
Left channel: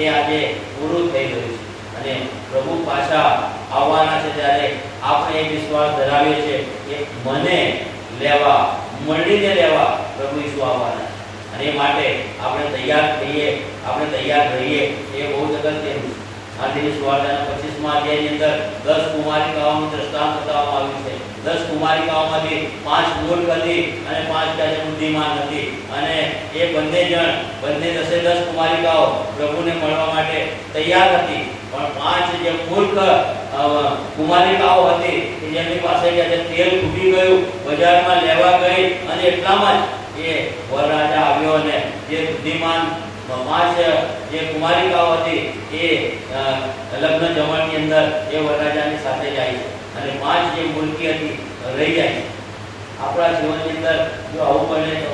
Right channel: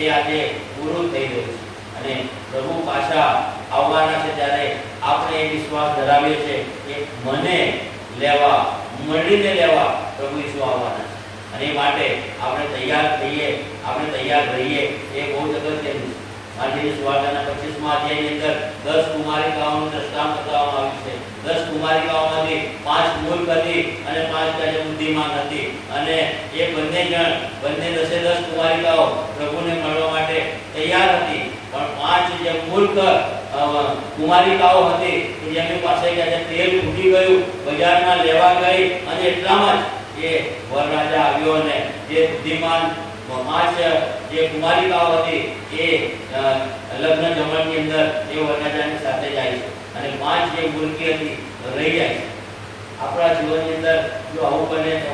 એ આજે પૂરું થઈ ગયું છે. અને પ્રભુ પાછા આવવાના છે ત્યારે આપણે એ વિશ્વાસ ધરાવીએ છીએ કે મને લેવા મળીને લેવા પ્રભુ ઈસુ આવવાના છે. અને એ માટે આપણે તૈયાર થઈએ, આપણે તૈયાર રહીએ, એ બહુ અગત્યનું છે. આજની સુવાર્તાના 25મા અધ્યાયની અંદર 10 કુમારિકાઓનું દ્રષ્ટાંત બતાવવામાં આવ્યું છે. 10 કુમારિકાઓમાંથી 5 મૂર્ખ હતી અને 5 જે બુદ્ધિમાન હતી. અને એ બંને 10 કુમારિકાઓ પ્રભુને મળવા માટે તૈયાર હતી. પણ 5 જે મૂર્ખ કુમારિકાઓ હતી કે જેમની પાસે તેલ ખૂટી ગયું, બજારમાં લેવા ગઈ અને એટલામાં જ એ વરરાજા આવ્યો અને જે બુદ્ધિમાન 5 જે કુમારિકાઓ હતી એ લગ્ન જમણની અંદર એ વરરાજાની સાથે જાય છે અને 5 જે મૂર્ખી હતી રહી જાય છે. આપણા જીવનની અંદર જો આવું બને તો,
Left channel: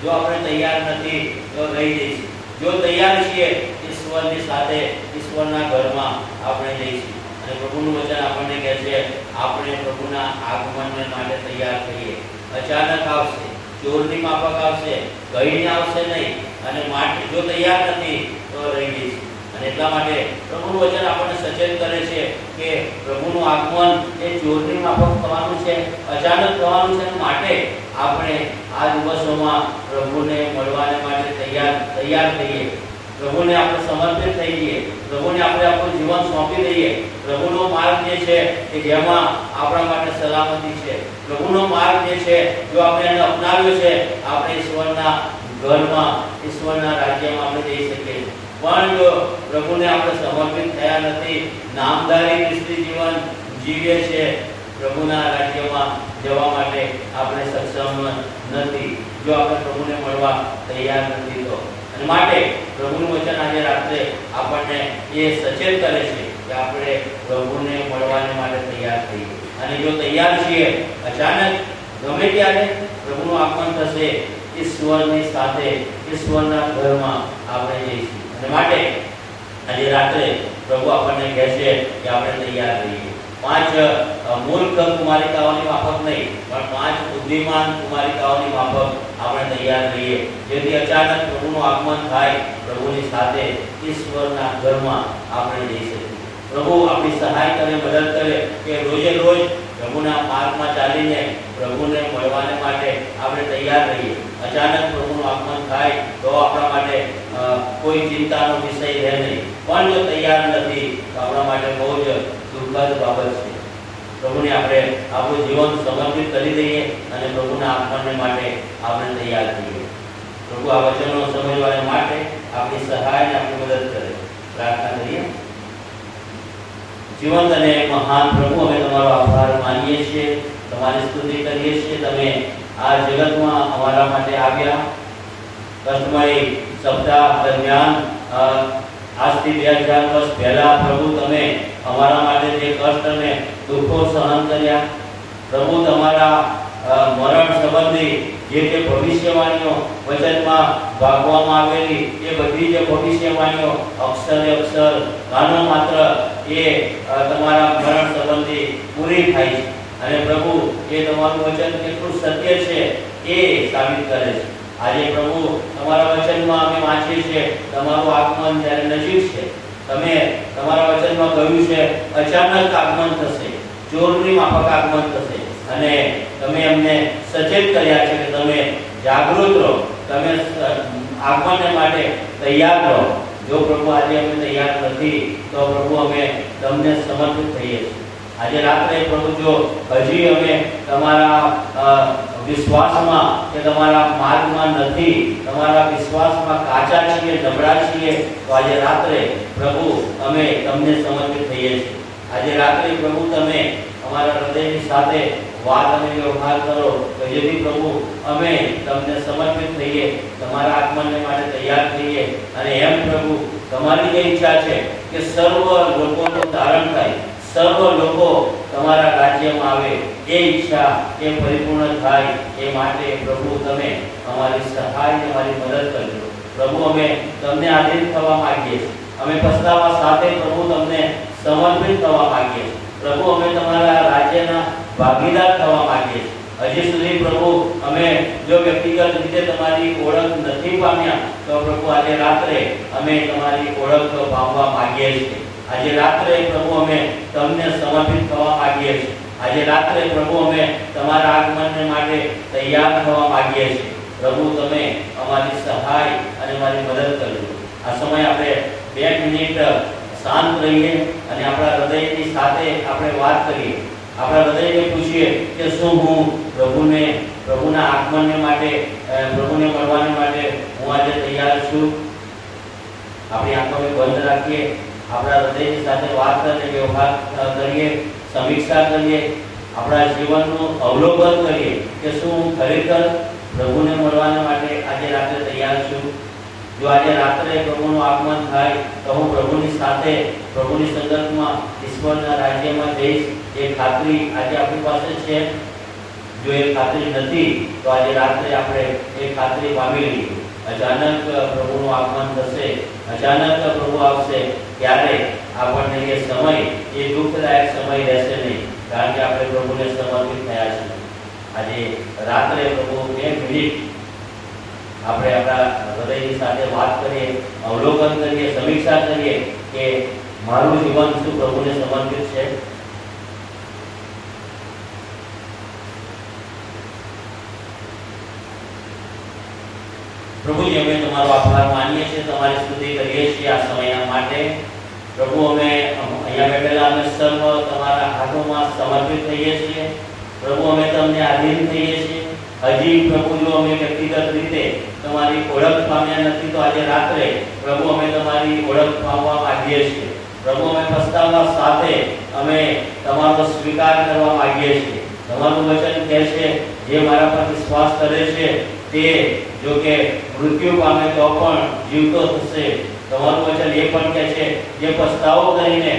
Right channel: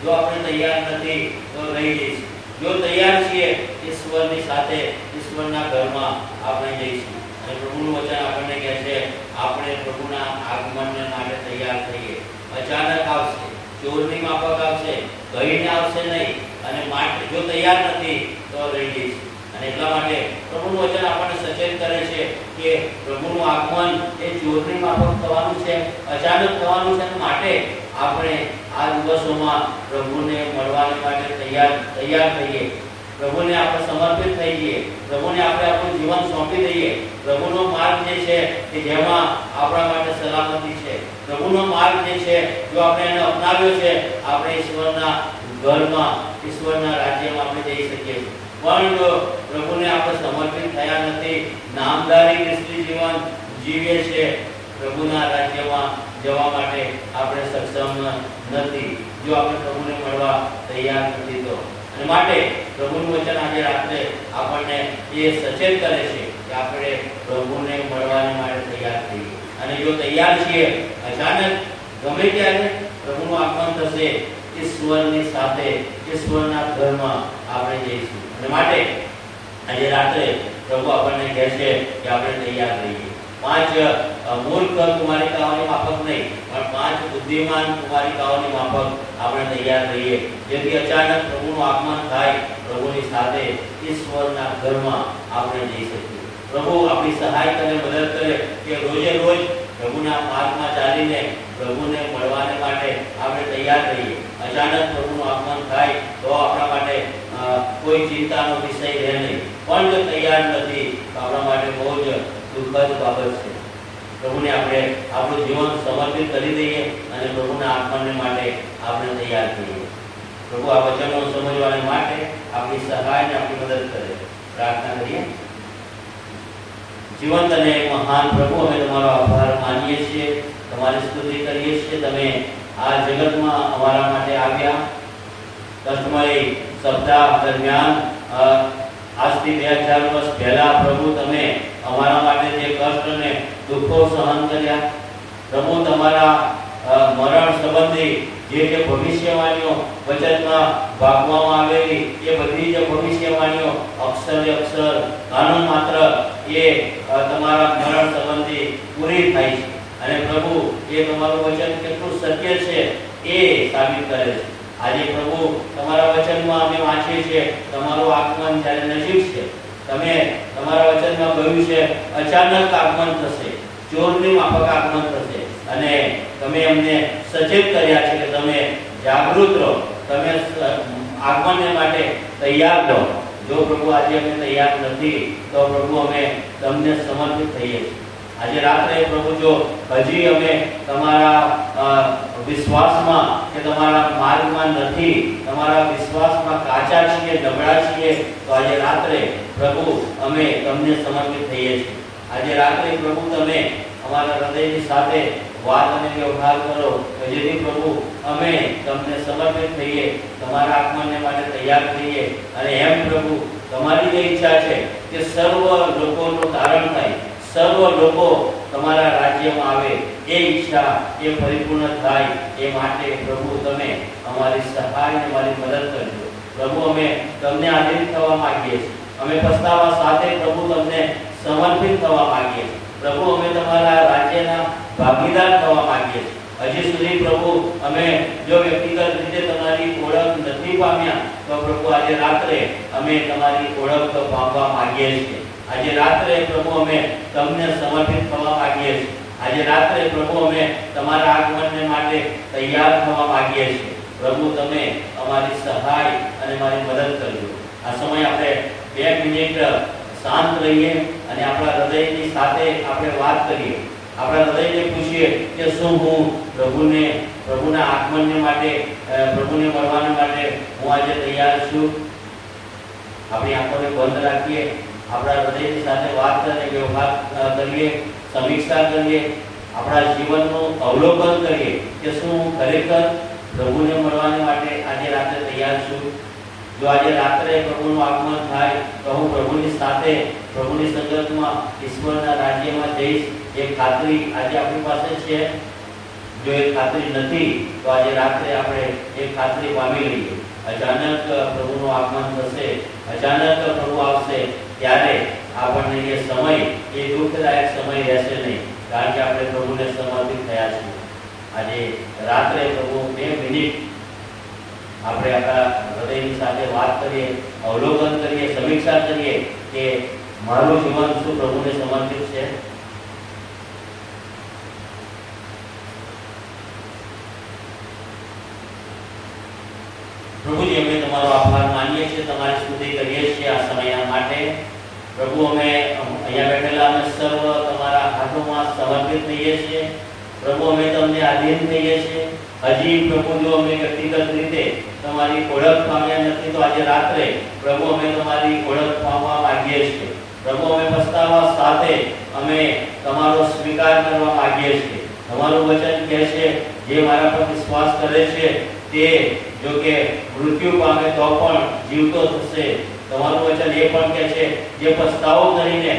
જો આપણે તૈયાર નથી તો રહી જઈશું. જો તૈયાર છીએ, ઈશ્વરની સાથે, ઈશ્વરના ઘરમાં આપણે જઈશું. અને પ્રભુનું વચન આપણને કહે છે આપણે પ્રભુના આગમનને માટે તૈયાર થઈએ. અચાનક આવશે, ચોરની માફક આવશે, કહીને આવશે નહીં. અને માટે જો તૈયાર નથી તો રહી જઈશું. અને એટલા માટે પ્રભુનું વચન આપણને સચેત કરે છે કે પ્રભુનું આગમન એ ચોરની માફક થવાનું છે, અચાનક થવાનું છે. માટે આપણે આ દિવસોમાં પ્રભુને મળવાને માટે તૈયાર થઈએ. પ્રભુને આપણે સમર્પિત થઈ જઈએ. પ્રભુને આપણે આપણું જીવન સોંપી દઈએ. પ્રભુનો માર્ગ જે છે કે જેમાં આપણા માટે સલામતી છે, પ્રભુનો માર્ગ જે છે જો આપણે એને અપનાવ્યો છે, આપણે ઈશ્વરના ઘરમાં, ઈશ્વરના રાજ્યમાં આપણે જઈ શકીએ. પણ જો પ્રભુને આપણે સમર્પિત થયા નથી, નામદારી ખ્રિસ્તી જીવન જીવીએ છે, પ્રભુના રાજ્યમાં જવા માટે આપણે સક્ષમ નથી. જો આપણે પ્રભુને મળવા તૈયાર નથી તો. અને માટે પ્રભુનું વચન આજે રાત્રે આપણને એ સચેત કરે છે કે આપણે પ્રભુને મળવાને માટે તૈયાર થઈએ. અને જો તૈયાર છીએ, અચાનક ગમે ત્યારે પ્રભુનું આગમન થશે, ઈશ્વરની સાથે, ઈશ્વરના ઘરમાં આપણે જઈશું. અને માટે આજે રાત્રે પ્રભુ આપણને કહે છે કે આપણે તૈયાર રહીએ. 5 મૂર્ખ કુમારિકાઓની માફક નહીં, પણ 5 બુદ્ધિમાન કુમારિકાઓની માફક આપણે તૈયાર રહીએ. જેથી અચાનક પ્રભુનું આગમન થાય, પ્રભુની સાથે, ઈશ્વરના ઘરમાં આપણે જઈ શકીએ. પ્રભુ આપણી સહાય કરે, મદદ કરે કે રોજે રોજ પ્રભુના માર્ગમાં ચાલીને પ્રભુને મળવાને માટે આપણે તૈયાર રહીએ. અચાનક પ્રભુનું આગમન થાય તો આપણા માટે કોઈ ચિંતાનો વિષય રહે નહીં. પણ જો તૈયાર નથી તો આપણા માટે બહુ જ દુઃખદ બાબત છે. પ્રભુને આપણે આપણું જીવન સમર્પિત કરી દઈએ અને પ્રભુના આગમનને માટે આપણે તૈયાર થઈએ. પ્રભુ આ વચનો સમજવાને માટે આપણી સહાય અને આપણી મદદ કરે. પ્રાર્થના કરીએ. જીવંત અને મહાન પ્રભુ, અમે તમારો આભાર માનીએ છીએ, તમારી સ્તુતિ કરીએ છીએ. તમે આ જગતમાં અમારા માટે આવ્યા. કષ્ટમય સપ્તાહ દરમિયાન આજથી 2000 વર્ષ પહેલા પ્રભુ તમે અમારા માટે જે કષ્ટ અને દુઃખો સહન કર્યા, પ્રભુ તમારા મરણ સંબંધી જે ભવિષ્યવાણીઓ વચનમાં ભાગવામાં આવેલી, એ બધી જે ભવિષ્યવાણીઓ અક્ષરે અક્ષર, નાનો માત્ર એ તમારા મરણ સંબંધી પૂરી થાય છે. અને પ્રભુ એ તમારું વચન કેટલું સત્ય છે એ સાબિત કરે છે. આજે પ્રભુ તમારા વચનમાં અમે વાંચીએ છીએ તમારું આગમન જ્યારે નજીક છે. તમે તમારા વચનમાં કહ્યું છે અચાનક આગમન થશે, ચોરની માફક આગમન થશે. અને તમે અમને સચેત કર્યા છે કે તમે જાગૃત રહો, તમે આગમનને માટે તૈયાર રહો. જો પ્રભુ આજે અમે તૈયાર નથી તો પ્રભુ અમે તમને સમર્પિત થઈએ છીએ. આજે રાત્રે પ્રભુ જો હજી અમે તમારા વિશ્વાસમાં કે તમારા માર્ગમાં નથી, તમારા વિશ્વાસમાં કાચા છીએ, નબળા છીએ, તો આજે રાત્રે પ્રભુ અમે તમને સમર્પિત થઈએ છીએ. આજે રાત્રે પ્રભુ તમે અમારા હૃદયની સાથે વાત અને વ્યવહાર કરો જેથી પ્રભુ અમે તમને સમર્પિત થઈએ, તમારા આગમનને માટે તૈયાર થઈએ. અને એમ પ્રભુ તમારી જે ઈચ્છા છે કે સર્વ લોકોનું તારણ થાય, સર્વ લોકો તમારા રાજ્યમાં આવે, એ ઈચ્છા એ પરિપૂર્ણ થાય. એ માટે પ્રભુ તમે અમારી સહાય અને અમારી મદદ કરજો. પ્રભુ અમે તમને આધીન થવા માંગીએ છીએ. અમે પસ્તાવા સાથે પ્રભુ તમને સમર્પિત થવા માંગીએ છીએ. પ્રભુ અમે તમારા રાજ્યના ભાગીદાર થવા માંગીએ છીએ. હજી સુધી પ્રભુ અમે જો વ્યક્તિગત રીતે તમારી ઓળખ નથી પામ્યા તો પ્રભુ આજે રાત્રે અમે તમારી ઓળખ પામવા માંગીએ છીએ. આજે રાત્રે પ્રભુ અમે તમને સમર્પિત થવા માંગીએ છીએ. આજે રાત્રે પ્રભુ અમે તમારા આગમનને માટે તૈયાર થવા માંગીએ છીએ. પ્રભુ તમે અમારી સહાય અને મારી મદદ કરજો. આ સમય આપણે 2 મિનિટ શાંત રહીએ અને આપણા હૃદયની સાથે આપણે વાત કરીએ. આપણા હૃદયને પૂછીએ કે શું હું પ્રભુના આગમનને માટે પ્રભુને મળવાને માટે હું આજે તૈયાર છું. આપણી આંખોને બંધ રાખીએ, આપણા હૃદયની સાથે વાત કરીને વ્યવહાર કરીએ, સમીક્ષા કરીએ, આપણા જીવનનું અવલોકન કરીએ કે શું હું ખરેખર પ્રભુને મળવાને માટે આજે રાત્રે તૈયાર છું. જો આજે રાત્રે પ્રભુનું આગમન થાય તો હું પ્રભુની સાથે પ્રભુની સંગતમાં ઈશ્વરના રાજ્યમાં જઈશ. એ ખાતરી આજે આપણી પાસે છે. જો એ ખાતરી નથી તો આજે રાત્રે આપણે એ ખાતરી પામી લઈએ. અચાનક પ્રભુનું આગમન થશે, અચાનક પ્રભુ આવશે, ત્યારે આપણને એ સમય એ દુઃખદાયક સમય રહેશે નહીં, કારણ કે આપણે પ્રભુને સમર્પિત થયા છીએ. આજે રાત્રે પ્રભુ 2 મિનિટ આપણે આપણા હૃદયની સાથે વાત કરીએ, અવલોકન કરીએ, સમીક્ષા કરીએ કે મારું જીવન શું પ્રભુને સમર્પિત છે. પ્રભુજી, અમે તમારો આભાર માનીએ છીએ, તમારી સ્તુતિ કરીએ છીએ આ સમય માટે. પ્રભુ, અમે અહીંયા બેઠેલા અમે સર્વ તમારા હાથોમાં સમર્પિત થઈએ છીએ. પ્રભુ, અમે તમને આધીન થઈએ છીએ. હજી પ્રભુ, જો અમે વ્યક્તિગત રીતે તમારી ઓળખ પામ્યા નથી તો આજે રાત્રે પ્રભુ અમે તમારી ઓળખ પામવા માંગીએ છીએ. પ્રભુ, અમે પસ્તાવા સાથે અમે તમારો સ્વીકાર કરવા માંગીએ છીએ. તમારું વચન કહે છે, જે મારા પર વિશ્વાસ કરે છે તે જો કે મૃત્યુ પામે તો પણ જીવતો થશે. તમારું વચન એ પણ કહે છે, જે પસ્તાવો કરીને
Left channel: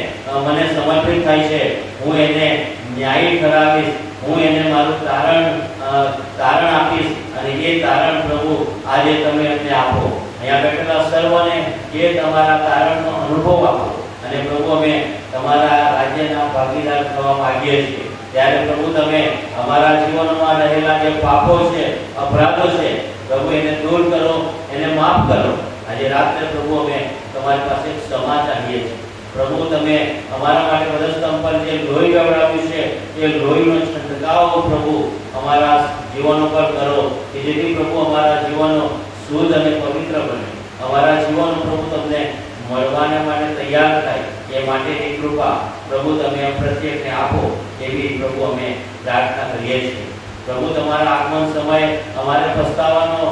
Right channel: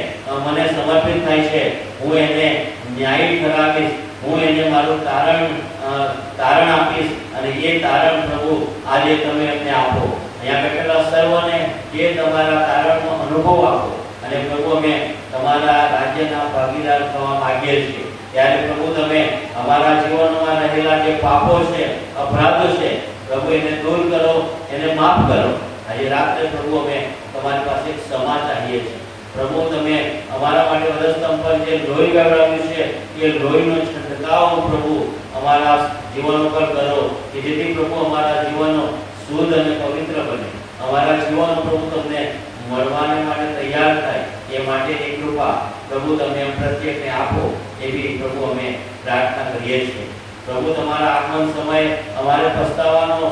મને સમર્પિત થાય છે હું એને ન્યાયી ઠરાવીશ, હું એને મારું તારણ આપીશ. અને એ તારણ પ્રભુ આજે તમે અમને આપો. અહીંયા બેઠેલા સર્વને એ તમારા તારણનો અનુભવ આપો. અને પ્રભુ, અમે તમારા રાજ્યના ભાગીદાર થવા માંગીએ છીએ. ત્યારે પ્રભુ, તમે અમારા જીવનમાં રહેલા જે પાપો છે, અપરાધો છે, પ્રભુ એને દૂર કરો, એને માફ કરો. આજે રાત્રે પ્રભુ અમે તમારી પાસે ક્ષમા ચાહીએ છીએ. પ્રભુ, તમે અમારા માટે વધસ્તંભ પર જે લોહી વહેવડાવ્યું છે એ લોહીનો છંટકાવ પ્રભુ અમારા જીવનો પર કરો, કે જેથી પ્રભુ અમારા જીવનો શુદ્ધ અને પવિત્ર બને. અમારા જીવનો પ્રભુ તમને મળવાને માટે તૈયાર થાય એ માટેની કૃપા પ્રભુ તમે પ્રત્યેકને આપો, એવી પ્રભુ અમે પ્રાર્થના કરીએ છીએ. પ્રભુ, તમારા આગમન સમય અમારે પસ્તાવાનો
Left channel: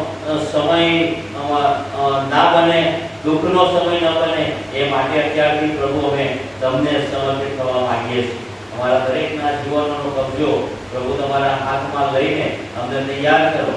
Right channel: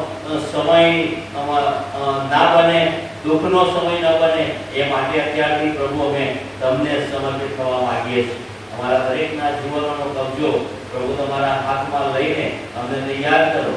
સમય ના બને, દુઃખનો સમય ન બને, એ માટે અત્યારથી પ્રભુ અમે તમને સમર્પિત થવા માંગીએ છીએ. અમારા દરેકના જીવનનો કબજો પ્રભુ તમારા હાથમાં લઈને અમને તૈયાર કરો.